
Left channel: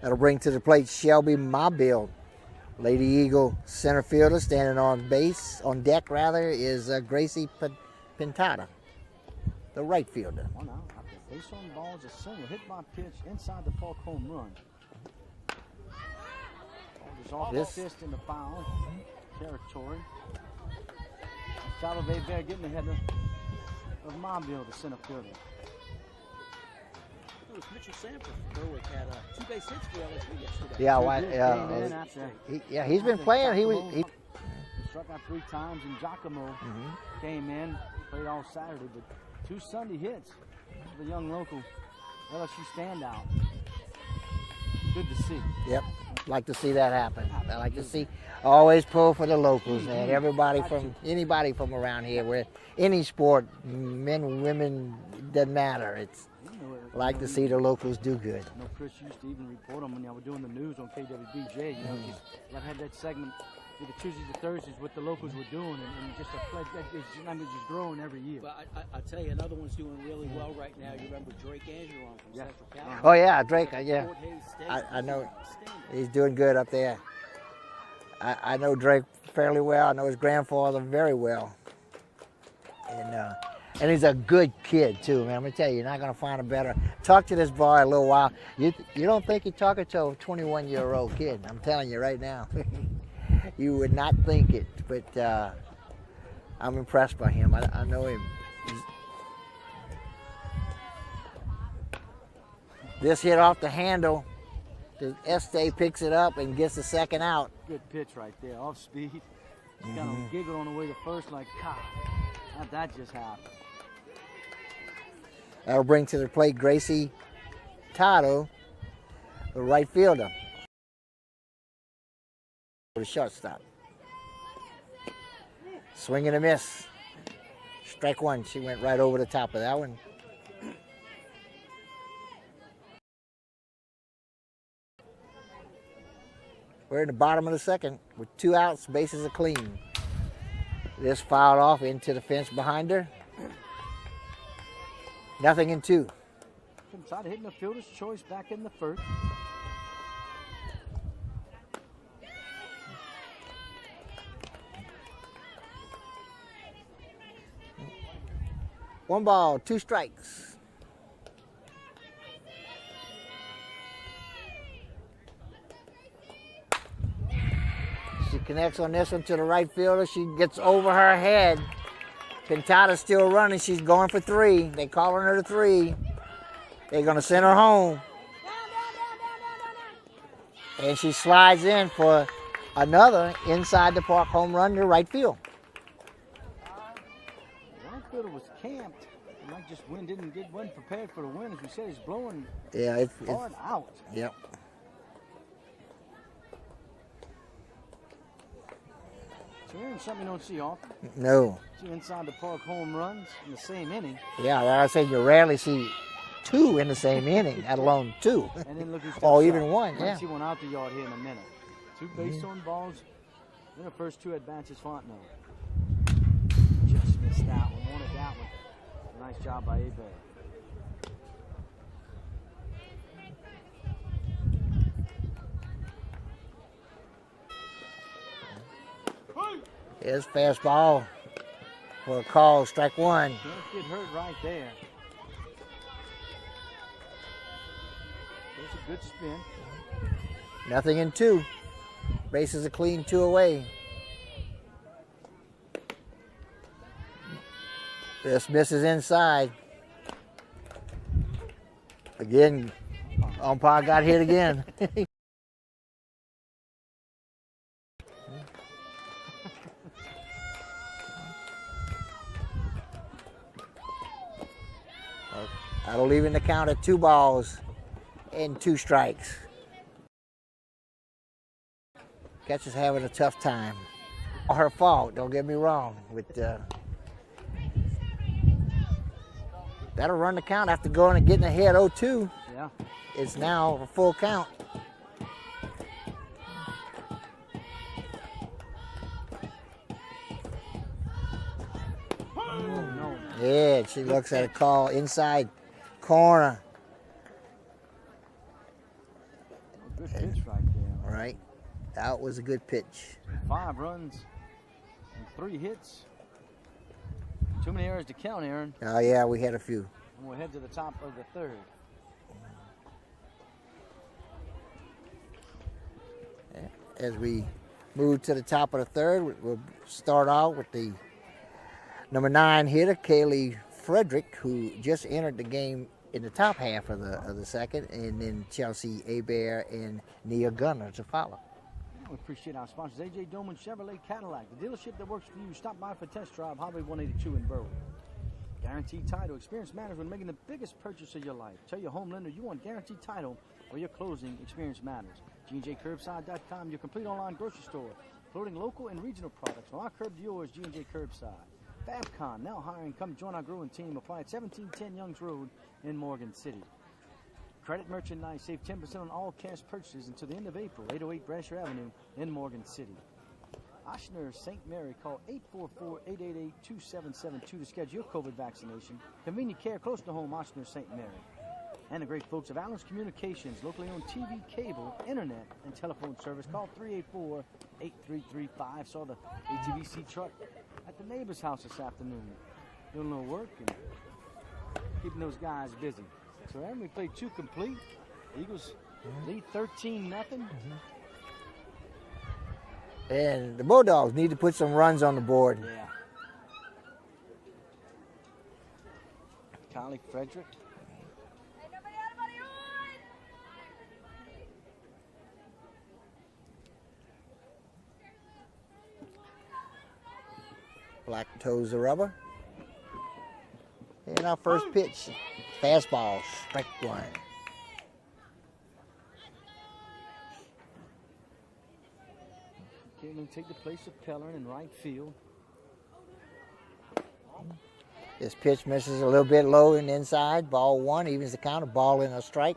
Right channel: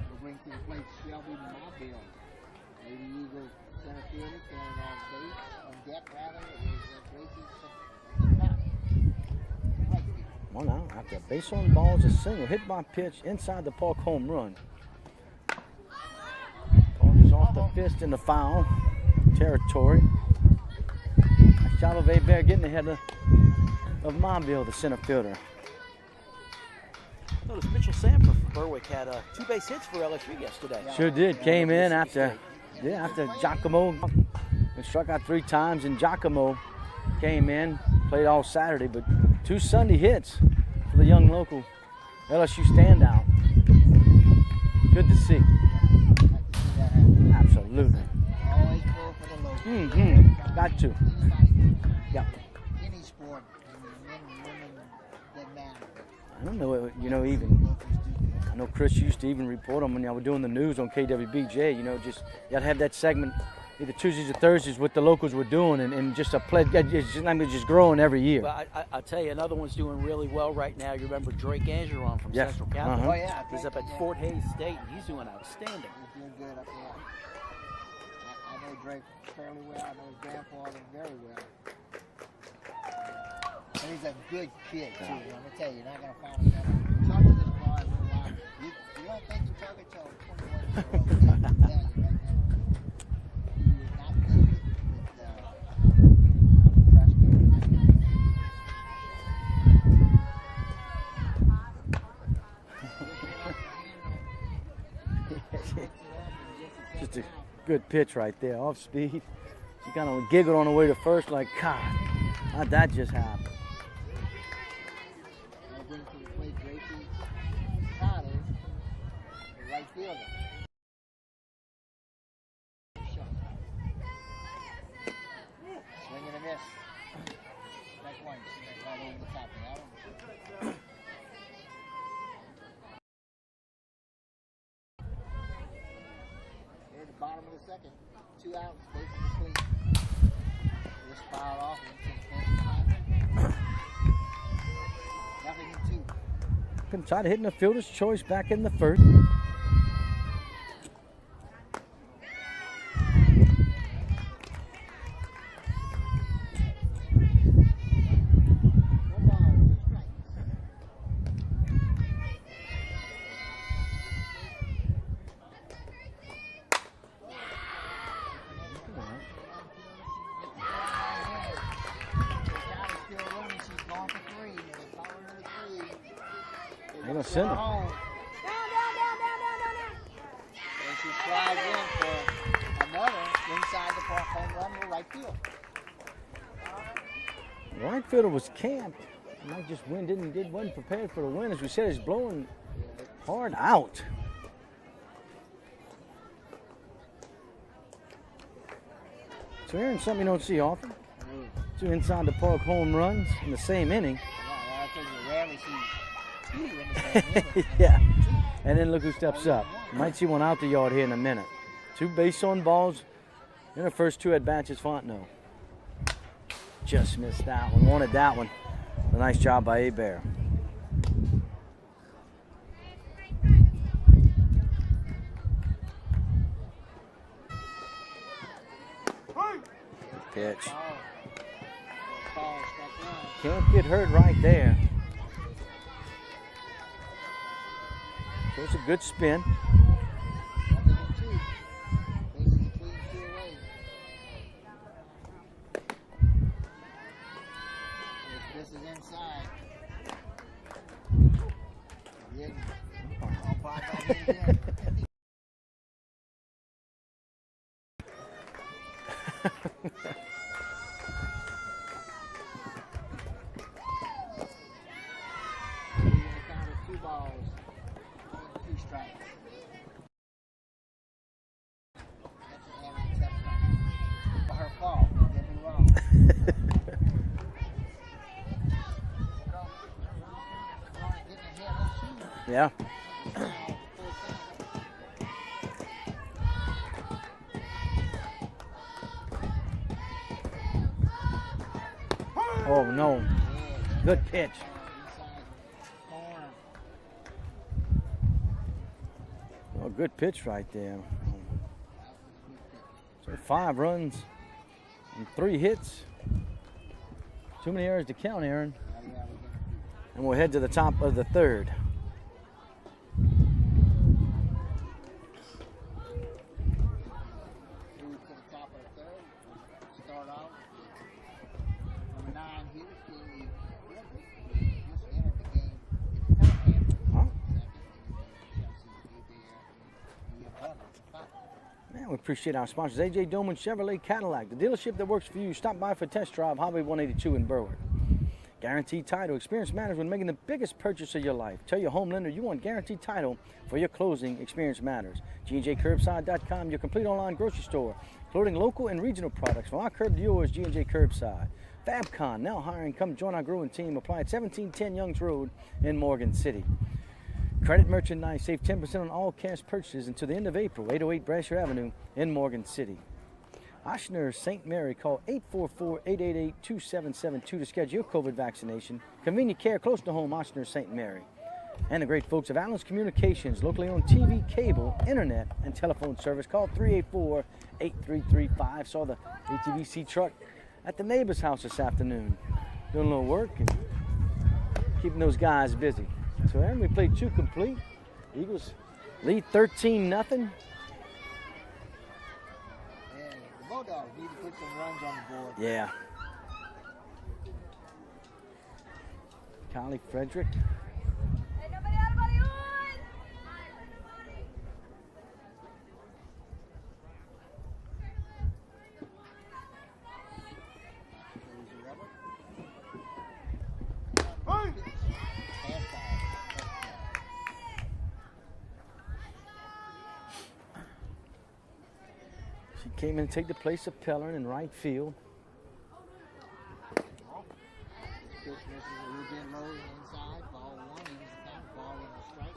That'll bring to the plate Shelby Mobile. Lady Eagle center fielder. Standing on deck is Gracie Pintada, the right fielder. 1 out after base on balls, a single hit by pitch inside the park home run. Ball is off the fist in the foul territory. Nice job of Abed getting ahead of Mobile, the center fielder. Notice Mitchell Sanford from Berwick had 2 base hits for LSU yesterday. Yeah, Sure did. Came in after. He's been playing. He struck out 3 times, and Giacomo came in, played all Saturday, but 2 Sunday hits for the young local LSU standout. Good to see. Yep, like to see that happen. I like to see. Always pull for the locals. And anybody from around here, where any sport, men, women, doesn't matter. I don't know. To see the locals do good. I know Chris used to even report them when y'all were doing the news on KWBJ. Just you got to have that segment either Tuesdays or Thursdays what the locals were doing, and just a pledge. It's just growing every year. Well, I tell you, another one's doing really well right now. You remember Drake Angeron from Central Catholic? Oh yeah, Drake. He's up at Fort Hays State. I know. Outstanding. He's doing good up there. I know Drake fairly well. I know his grandfather very well. And he's a good kid too, man. I'm gonna tell you, you're not gonna find a better. Talk to this boy a little while. You don't think you're talking to a 21-year-old kid. I'm telling you right now. You would not think it, but I'm impressed by him. I know him. This hit off the handle. Este picks it up and gets the second out. Good pitch right there, off speed. Kind of giggled on the way to first, like, God, how'd that just happen? That'll bring to the plate Gracie Pintada, the right fielder. The shortstop. Swing and a miss. Strike 1. She went right over the top of that one. We're in the bottom of the second with 2 outs, bases are clean. This fouled off into the fence behind her. Nothing in 2. Pintada hitting the fielder's choice back in the first. One ball, 2 strikes. She connects on this one to the right fielder. She gets over her head. Pintada's still running. She's going for 3. They're calling her to 3. They're going to send her home. And she slides in for another inside the park home run to right field. The right fielder was camped. Mike just wasn't prepared for the win. As we said, it's blowing hard out. Yep. So here's something you don't see often. No. 2 inside the park home runs in the same inning. Yeah, I say you rarely see 2 in the same inning, let alone 2. And then look who steps or up. even 1. Might see one out the yard here in a minute. 2 base on balls in the first 2 at bats is Fontenot. just missed that one. Wanted that one. A nice job by Hebert. Here's fastball for a call, strike one. Can't get hurt right there. So it's a good spin. Nothing in two. Bases are clean, 2 away. This misses inside. Again, umpire got hit again. That'll leave in the count at 2 balls and 2 strikes. Catcher's having a tough time. Her fault, don't get me wrong. But, that'll run the count after going and getting ahead 0-2. Yeah. It's now a full count. Oh, no. Yeah, she Good looks at a pitch. call inside corner. Oh, good pitch right there. All right, that was a good pitch. So 5 runs and 3 hits. Too many errors to count, Aaron. Oh yeah, we had a few. And we'll head to the top of the 3rd. As we move to the top of the 3rd, we'll start out with the number 9 hitter, Kaylee Frederick, who just entered the game in the top half of the 2nd, and then Chelsea Hebert and Nia Gunner to follow. Man, we appreciate our sponsors, A.J. Doman Chevrolet Cadillac, the dealership that works for you. Stop by for a test drive, Highway 182 in Berwick. Guaranteed Title. Experience matters when making the biggest purchase of your life. Tell your home lender you want Guaranteed Title for your closing. Experience matters. G&JCurbside.com, your complete online grocery store, including local and regional products. From our curb to yours, G&J Curbside. Fabcon, now hiring. Come join our growing team. Apply at 1710 Youngs Road in Morgan City. Credit Merchandise. Save 10% on all cash purchases until the end of April. 808 Brasher Avenue in Morgan City. Ochsner St. Mary, call 844-888-2772 to schedule your COVID vaccination. Convenient care close to home, Ochsner St. Mary. And the great folks of Allen's Communications, locally owned TV, cable, internet, and telephone service. Call 384-8335. Saw the ATVC truck at the neighbor's house this afternoon, doing a little work and keeping those guys busy. So Aaron, we played 2 complete. Eagles lead 13-0. And the Bulldogs need to put some runs on the board. Yeah. Kylie Frederick. Black toes the rubber. And our first pitch, fastball, strike one. She came in to take the place of Pellerin in right field. This pitch misses a little bit low and inside. Ball 1 evens the count, a ball and a strike.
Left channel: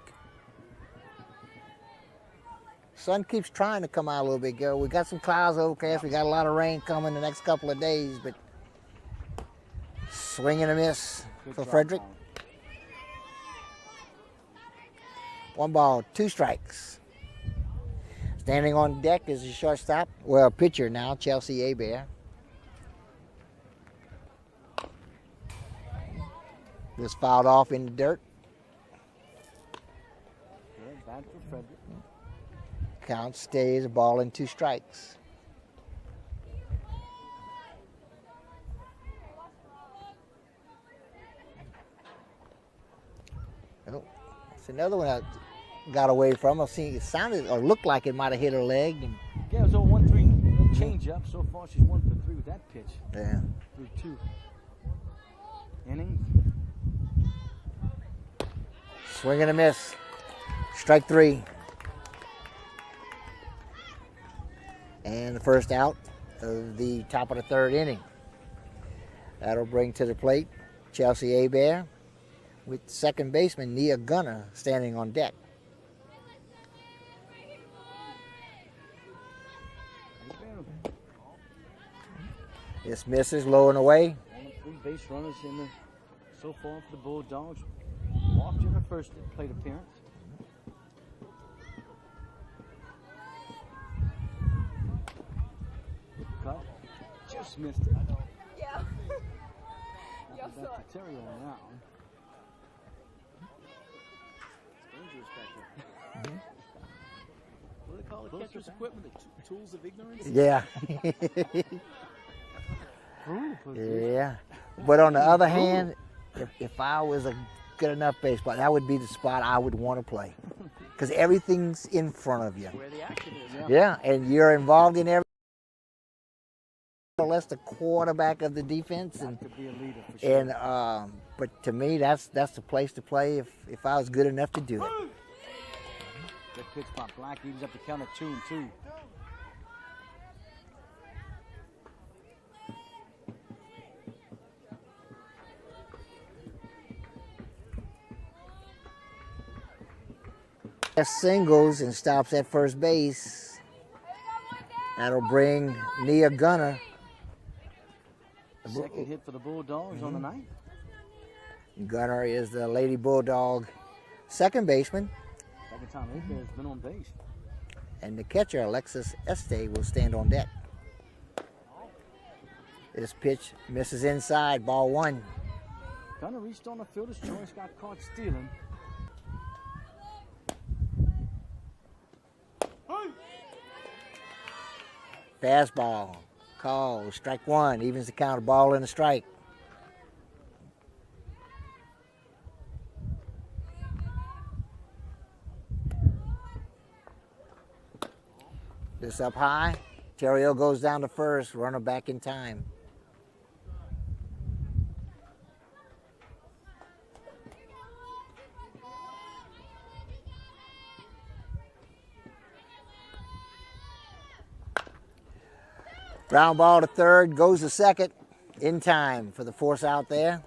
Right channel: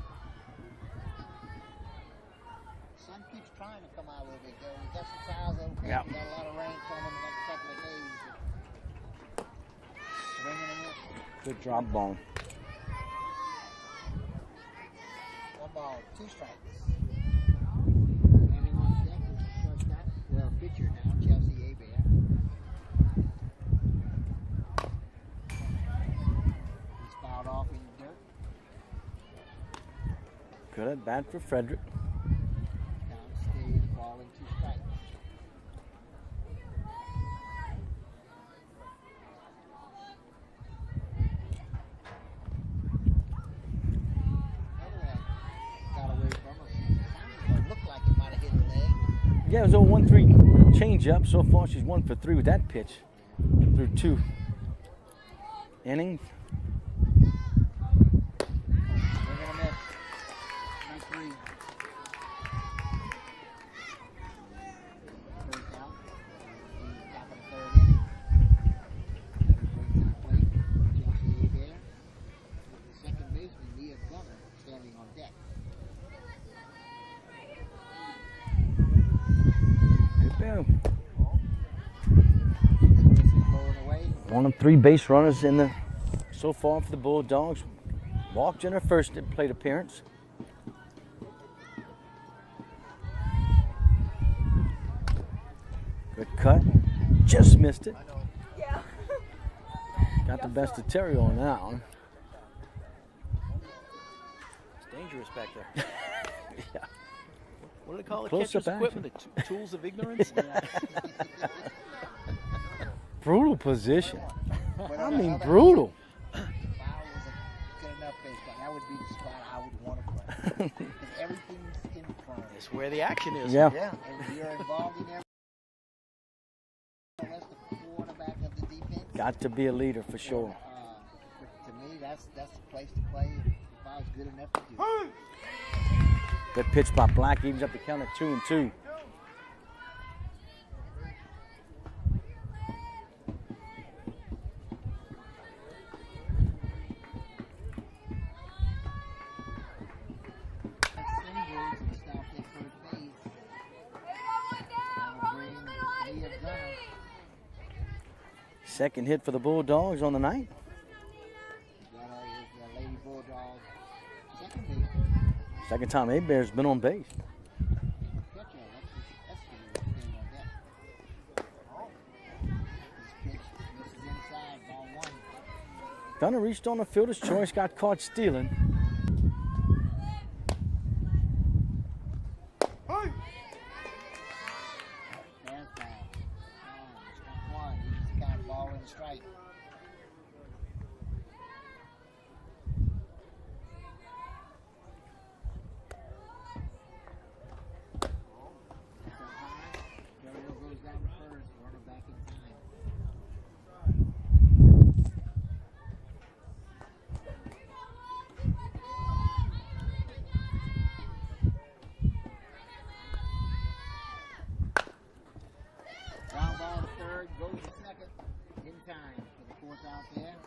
Sun keeps trying to come out a little bit, Gary. We got some clouds overcast. We got a lot of rain coming the next couple of days, but swing and a miss for Frederick. Ball. 1 ball, 2 strikes. Standing on deck is the shortstop, well, pitcher now, Chelsea Hebert. Was fouled off in the dirt. Good at bat for Frederick. Count stays, a ball and 2 strikes. Oh, it's another one I got away from. I seen it sounded or looked like it might have hit her leg. Yeah, it was a 1-3 change up. So far, she's 1 for 3 with that pitch. Yeah. Through 2 innings. Swing and a miss. Strike 3. And the first out of the top of the 3rd inning. That'll bring to the plate Chelsea Hebert with second baseman Nia Gunner standing on deck. This misses, low and away. One of 3 base runners in the so far for the Bulldogs. Walked in her first plate appearance. Good cut. Just missed it. Yeah. Got the best of Terry on that one. It's dangerous back there. Yeah. What do they call it? Close Catcher's up equipment, the tools of ignorance? Yeah. Brutal position. Yeah. But on the other Brutal. hand, if I was a good enough baseball, that would be the spot I would want to play. Because everything's in front of you. That's where the action is. Yeah. Yeah, and you're involved in everything. Less the quarterback of the defense. Got to be a leader for sure. And but to me, that's the place to play if I was good enough to do it. Good pitch by Black, evens up the count at 2-2. Singles and stops at first base. That'll bring Nia Gunner. Second hit for the Bulldogs on the night. Gunner is the Lady Bulldog second baseman, Second time A-Bear's been on base. and the catcher Alexis Este will stand on deck. This pitch misses inside, ball 1. Gunner reached on the fielder's choice, got caught stealing. Fastball, call, strike 1, evens the count, ball and a strike. This up high, Terrio goes down to first, runner back in time. Ground ball to third, goes to second, in time for the force out there.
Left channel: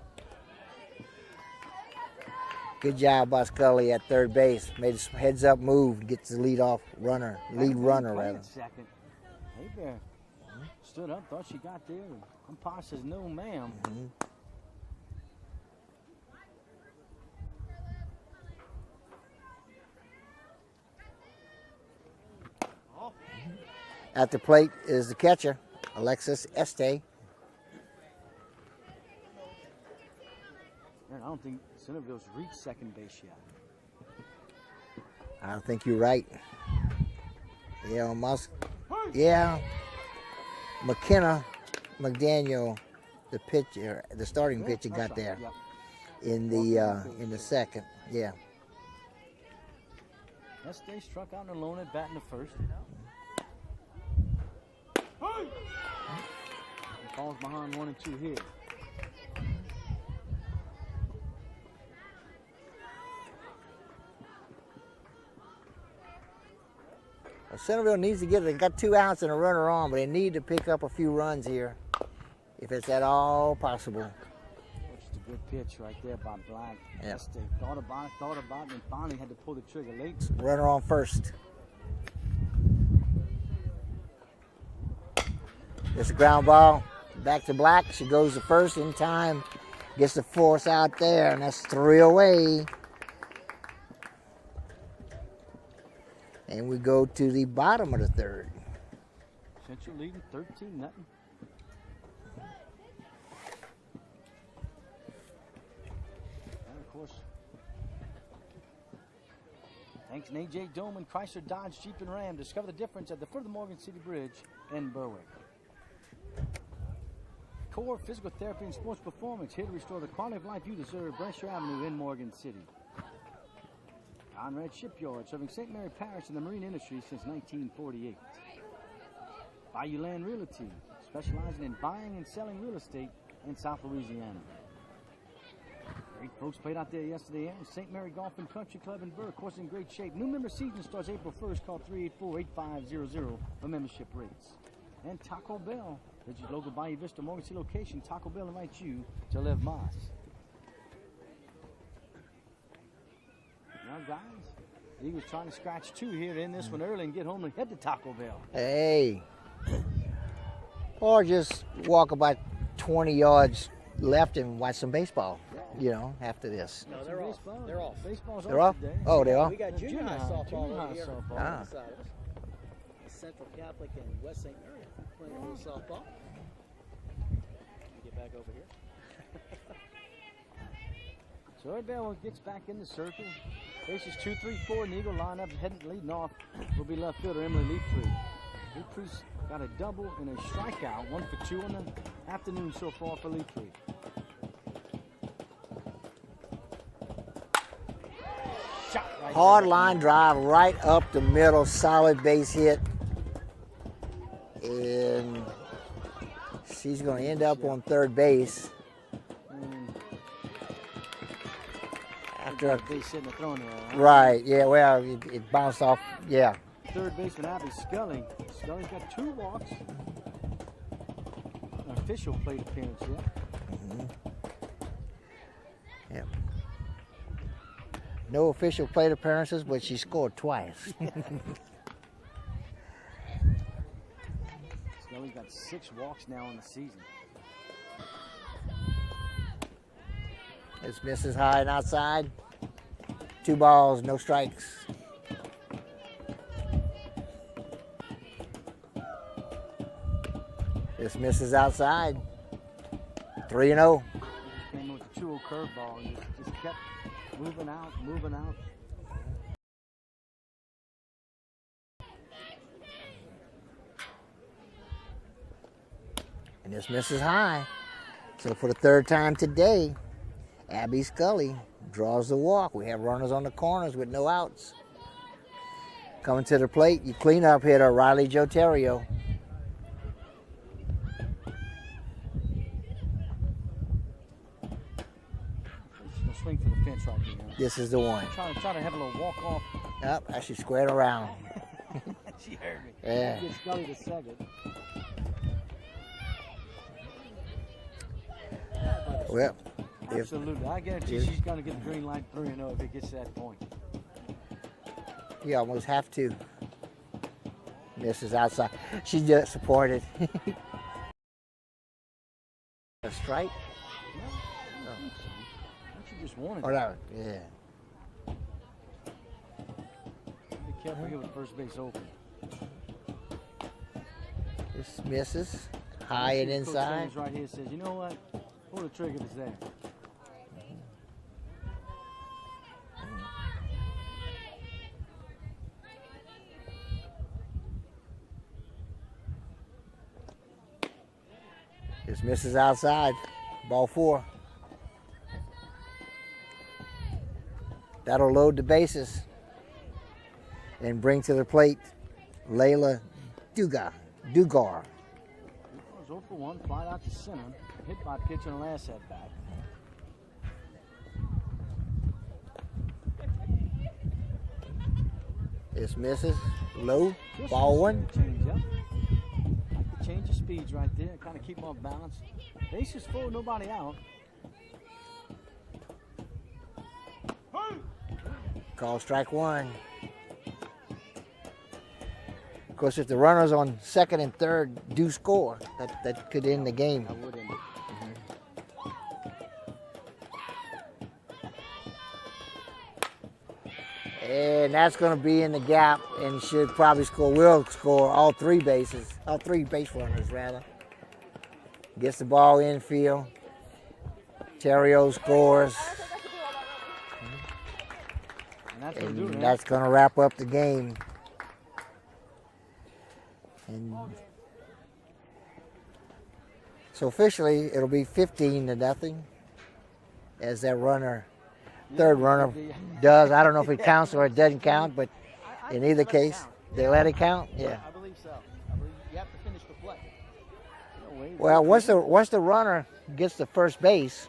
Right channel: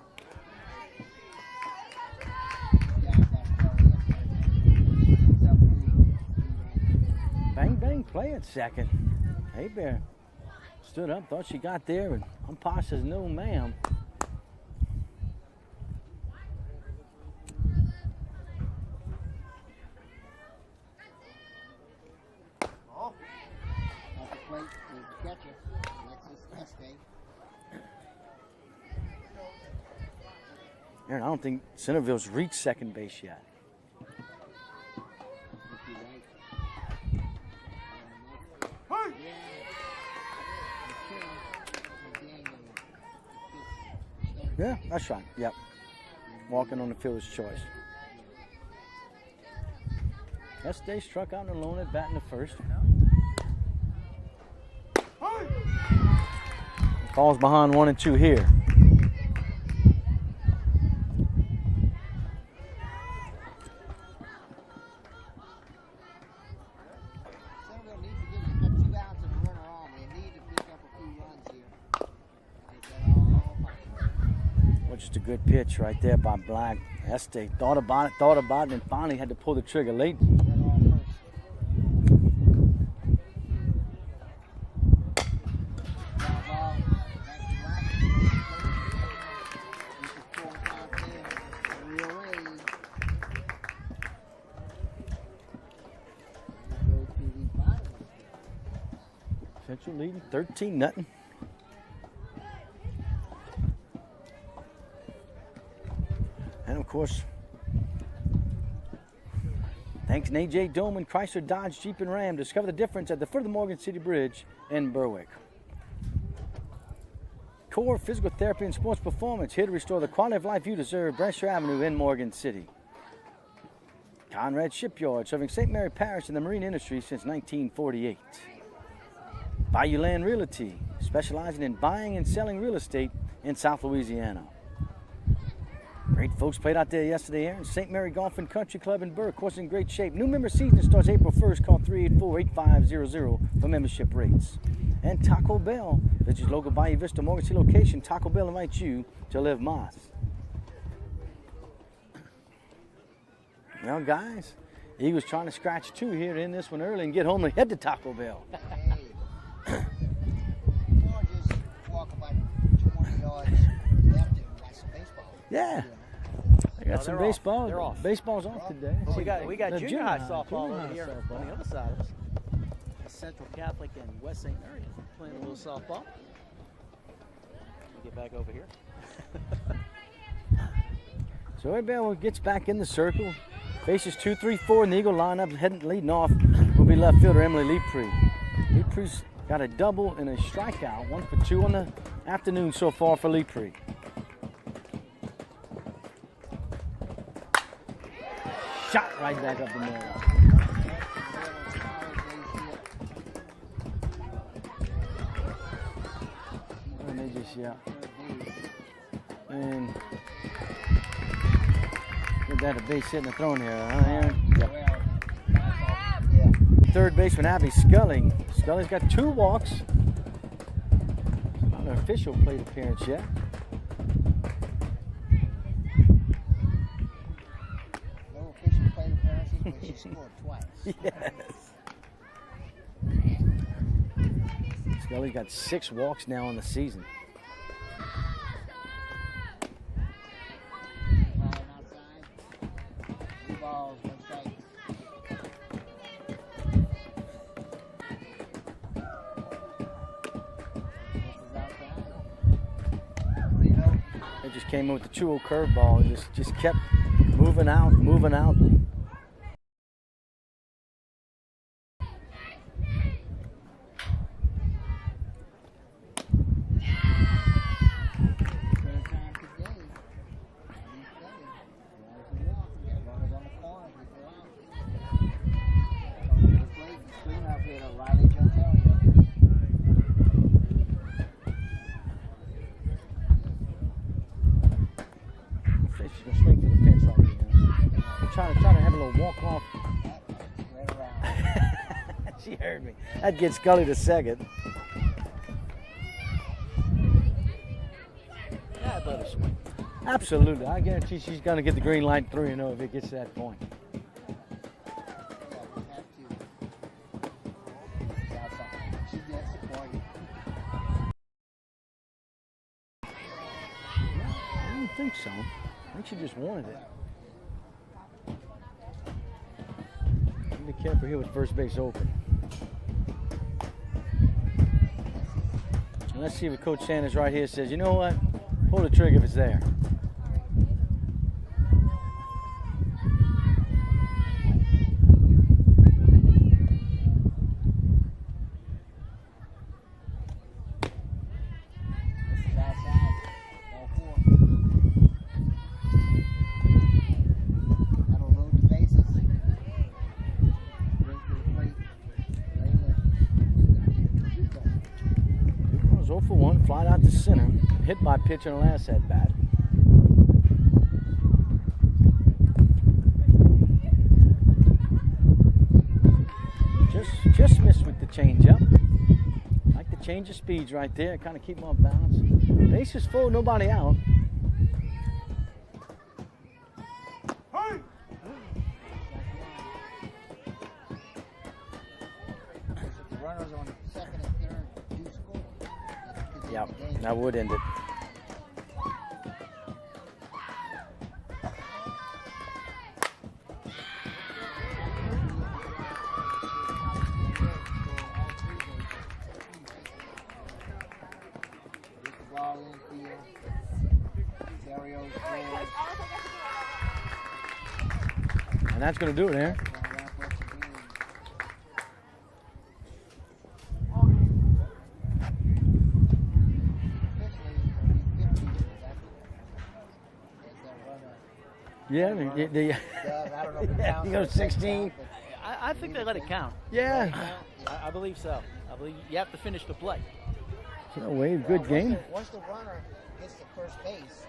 Good job by Scully at third base. Made some heads up move, gets the lead runner. Play at second. A-Bear stood up, thought she got there, and umpire says no, ma'am. At the plate is the catcher, Alexis Este. Aaron, I don't think Centerville's reached second base yet. I don't think you're right. Yeah, almost. Yeah. McDaniel, the pitcher, the starting pitcher that's got right. there Yep. in Walking on the the fielder's in the choice. second. Yeah. Este struck out in the lone at bat in the first. Falls behind 1 and 2 here. Centerville needs to get it. They got 2 outs and a runner on, but they need to pick up a few runs here, if it's at all possible. Well, just a good pitch right there by Black. Este thought about it, and finally had to pull the trigger late. Runner on first. It's a ground ball. Back to Black. She goes to first in time. Gets the force out there, and that's 3 away. And we go to the bottom of the third. Central leading 13-0. And of course, thanks to AJ Doman, Chrysler, Dodge, Jeep, and Ram. Discover the difference at the foot of the Morgan City Bridge in Berwick. Core Physical Therapy and Sports Performance, here to restore the quality of life you deserve. Brasher Avenue in Morgan City. Conrad Shipyard, serving St. Mary Parish and the marine industry since 1948. Bayou Land Realty, specializing in buying and selling real estate in South Louisiana. Great folks played out there yesterday, Aaron. St. Mary Golf and Country Club in Burke, course in great shape. New member season starts April 1st. Call 384-8500 for membership rates. And Taco Bell, visit your local Bayou Vista Morgan City location. Taco Bell invites you to live Moss. Well, guys, Eagles trying to scratch 2 here in this one early and get home and head to Taco Bell. Hey. Or just walk about 20 yards left and watch some baseball. Yeah. You know, after this. I got some they're off. baseball. They're off. Baseball's They're off off? today. Oh, they are? We got The junior high softball junior over here softball. on the side of us. Central Catholic and West St. Mary playing a little softball. Get back over here. So everybody gets back in the circle. Faces 2, 3, 4 in the Eagle lineup. Leading off will be left fielder Emily Leepree. Leepree's got a double and a strikeout. 1 for 2 on the afternoon so far for Leepree. Shot right Hard there. line drive right up the middle, solid base hit. And she's going to end up on third base. And got a base hit and a throw in here. Huh? Right, yeah, well, it bounced off, yeah. Third baseman Abby Scully. Scully's got 2 walks. Not an official plate appearance yet. Yeah. No official plate appearances, but she scored twice. Yes. Scully's got 6 walks now in the season. This misses high and outside. 2 balls, no strikes. This misses outside. 3-0. It just came in with the 2-0 curveball and just kept moving out, moving out. And this misses high. So for the 3rd time today, Abby Scully draws the walk. We have runners on the corners with no outs. Coming to the plate, you cleanup hitter Riley Joterio. Swing for the fence right now. This is the one. Try to have a little walk off. Yep, I should square it around. She heard me. Yeah. That gets Scully to second. Well, Absolutely. I guarantee she's going to get the green light 3-0 if it gets to that point. you almost have to. This is outside. She's just supported. A strike? I don't think so. I think she just won it. Or no, yeah. Be careful here with first base open. This misses. High Let's see and if Coach inside. Sanders right here says, you know what? Pull the trigger if it's there. This misses outside. Ball 4. That'll load the bases and bring to the plate Layla Dugar. Was 0 for 1, flied out to center, hit by pitch on the last at bat. This misses. Low. Just Ball missed 1. the change up. Like the change of speeds right there, kind of keep them off balance. Base is full, nobody out. Call strike 1. Of course, if the runners on 2nd and 3rd do score, that could end the game. That would end it. And that's going to be in the gap, and he should probably will score all 3 bases, all 3 base runners rather. Gets the ball infield. Terrio scores. And that's going to do it, man. That's going to wrap up the game. So officially, it'll be 15-0 as that runner, third runner, does. I don't know if it counts or it doesn't 16. count, but I in think either they let it case, count. they let it count. Yeah. I believe so. I believe you have to finish the play. So, Wade, Well, good once the runner gets to first base,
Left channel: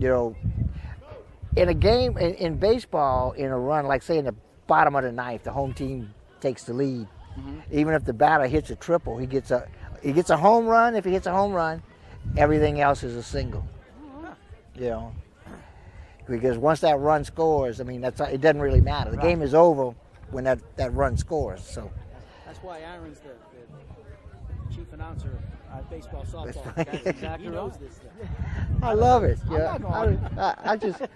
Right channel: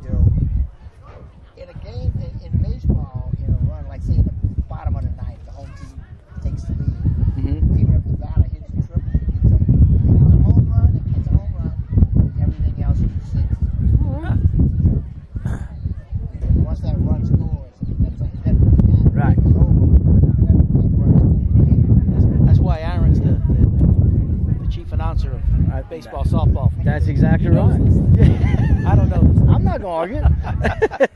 you know, in a game in baseball, in a run, like say in the bottom of the ninth, the home team takes the lead. Mm-hmm. Even if the batter hits a triple, he gets a home run. If he hits a home run, everything else is a single. You know, because once that run scores, I mean, it doesn't really matter. The Right. game is over when that run scores. So That's why Aaron's the chief announcer of baseball, softball. That's exactly right. I love it. I'm not going to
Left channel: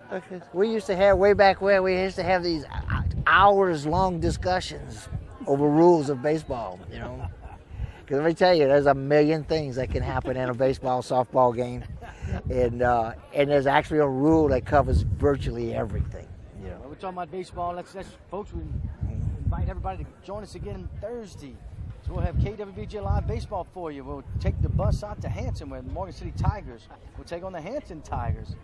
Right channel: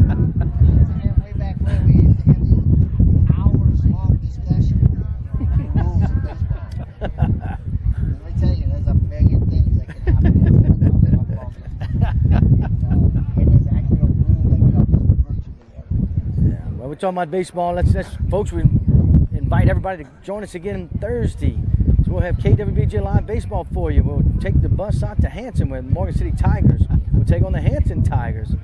argue. We used to have, way back when, we used to have these hours-long discussions over rules of baseball, you know. Because let me tell you, there's a million things that can happen in a baseball, softball game. And there's actually a rule that covers virtually everything. Yeah. Well, we're talking about baseball. Let's folks, we invite everybody to join us again Thursday. So we'll have KWBJ Live Baseball for you. We'll take the bus out to Hanson with Morgan City Tigers. We'll take on the Hanson Tigers.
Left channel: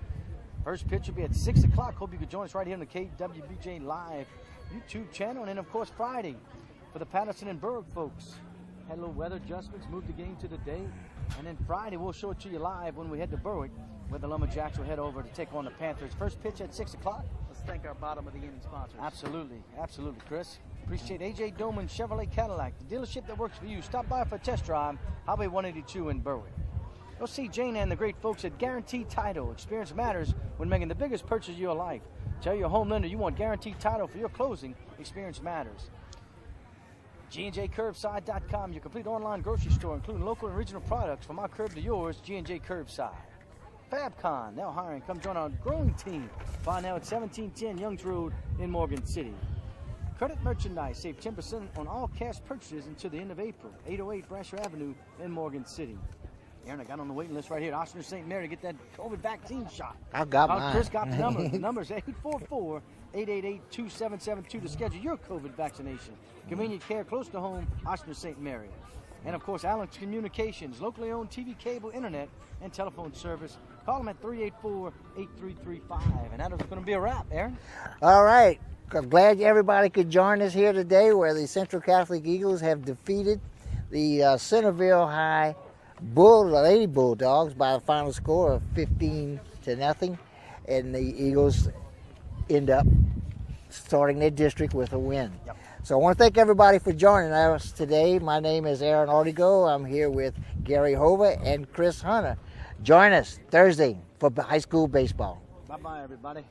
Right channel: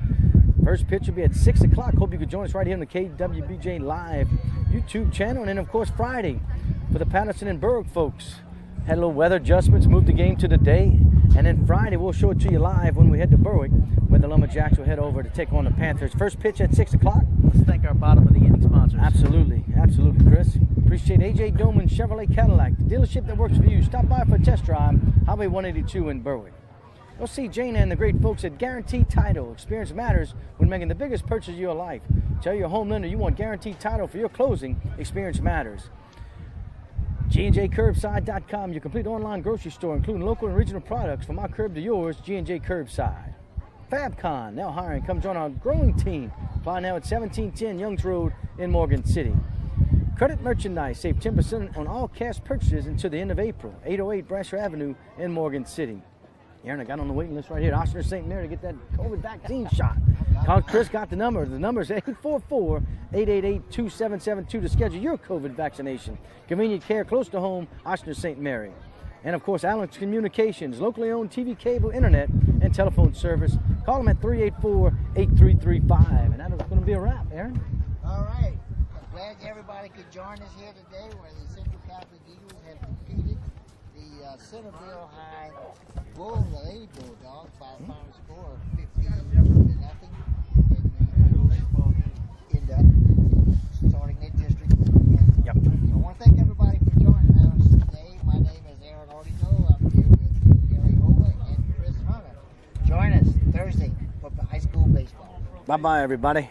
First pitch will be at 6 o'clock. Hope you can join us right here on the KWBJ Live YouTube channel. And then, of course, Friday for the Patterson and Berg folks. Had a little weather adjustments, moved the game to the day. And then Friday, we'll show it to you live when we head to Berwick, where the Lumberjacks will head over to take on the Panthers. First pitch at 6 o'clock. Let's thank our bottom of the inning sponsors. Absolutely, Chris. Appreciate AJ Doman Chevrolet Cadillac, the dealership that works for you. Stop by for a test drive, Highway 182 in Berwick. You'll see Jane and the great folks at Guaranteed Title. Experience matters when making the biggest purchase of your life. Tell your home lender you want Guaranteed Title for your closing. Experience matters. G&JCurbside.com, your complete online grocery store, including local and regional products from our curb to yours, G&J Curbside. FabCon, now hiring. Come join our growing team. Apply now at 1710 Youngs Road in Morgan City. Credit Merchandise, save 10% on all cash purchases until the end of April. 808 Brasher Avenue in Morgan City. Aaron, I got on the waiting list right here. Oshner St. Mary to get that COVID vaccine shot. I've got mine. Chris got the number. The number is 844-888-2772 to schedule your COVID vaccination. Convenient care close to home, Oshner St. Mary. And, of course, Allen's Communications, locally owned TV, cable, internet, and telephone service. Call them at 384-8335. And that is going to be a wrap, Aaron. All right. I'm glad everybody could join us here today, where the Central Catholic Eagles have defeated the Centerville High Lady Bulldogs by a final score of 15-0, and the Eagles end up starting their district with a win. Yep. So I want to thank everybody for joining us today. My name is Aaron Ortigo. I'm here with Gary Hova and Chris Hunter. Join us Thursday for high school baseball. Bye-bye, everybody.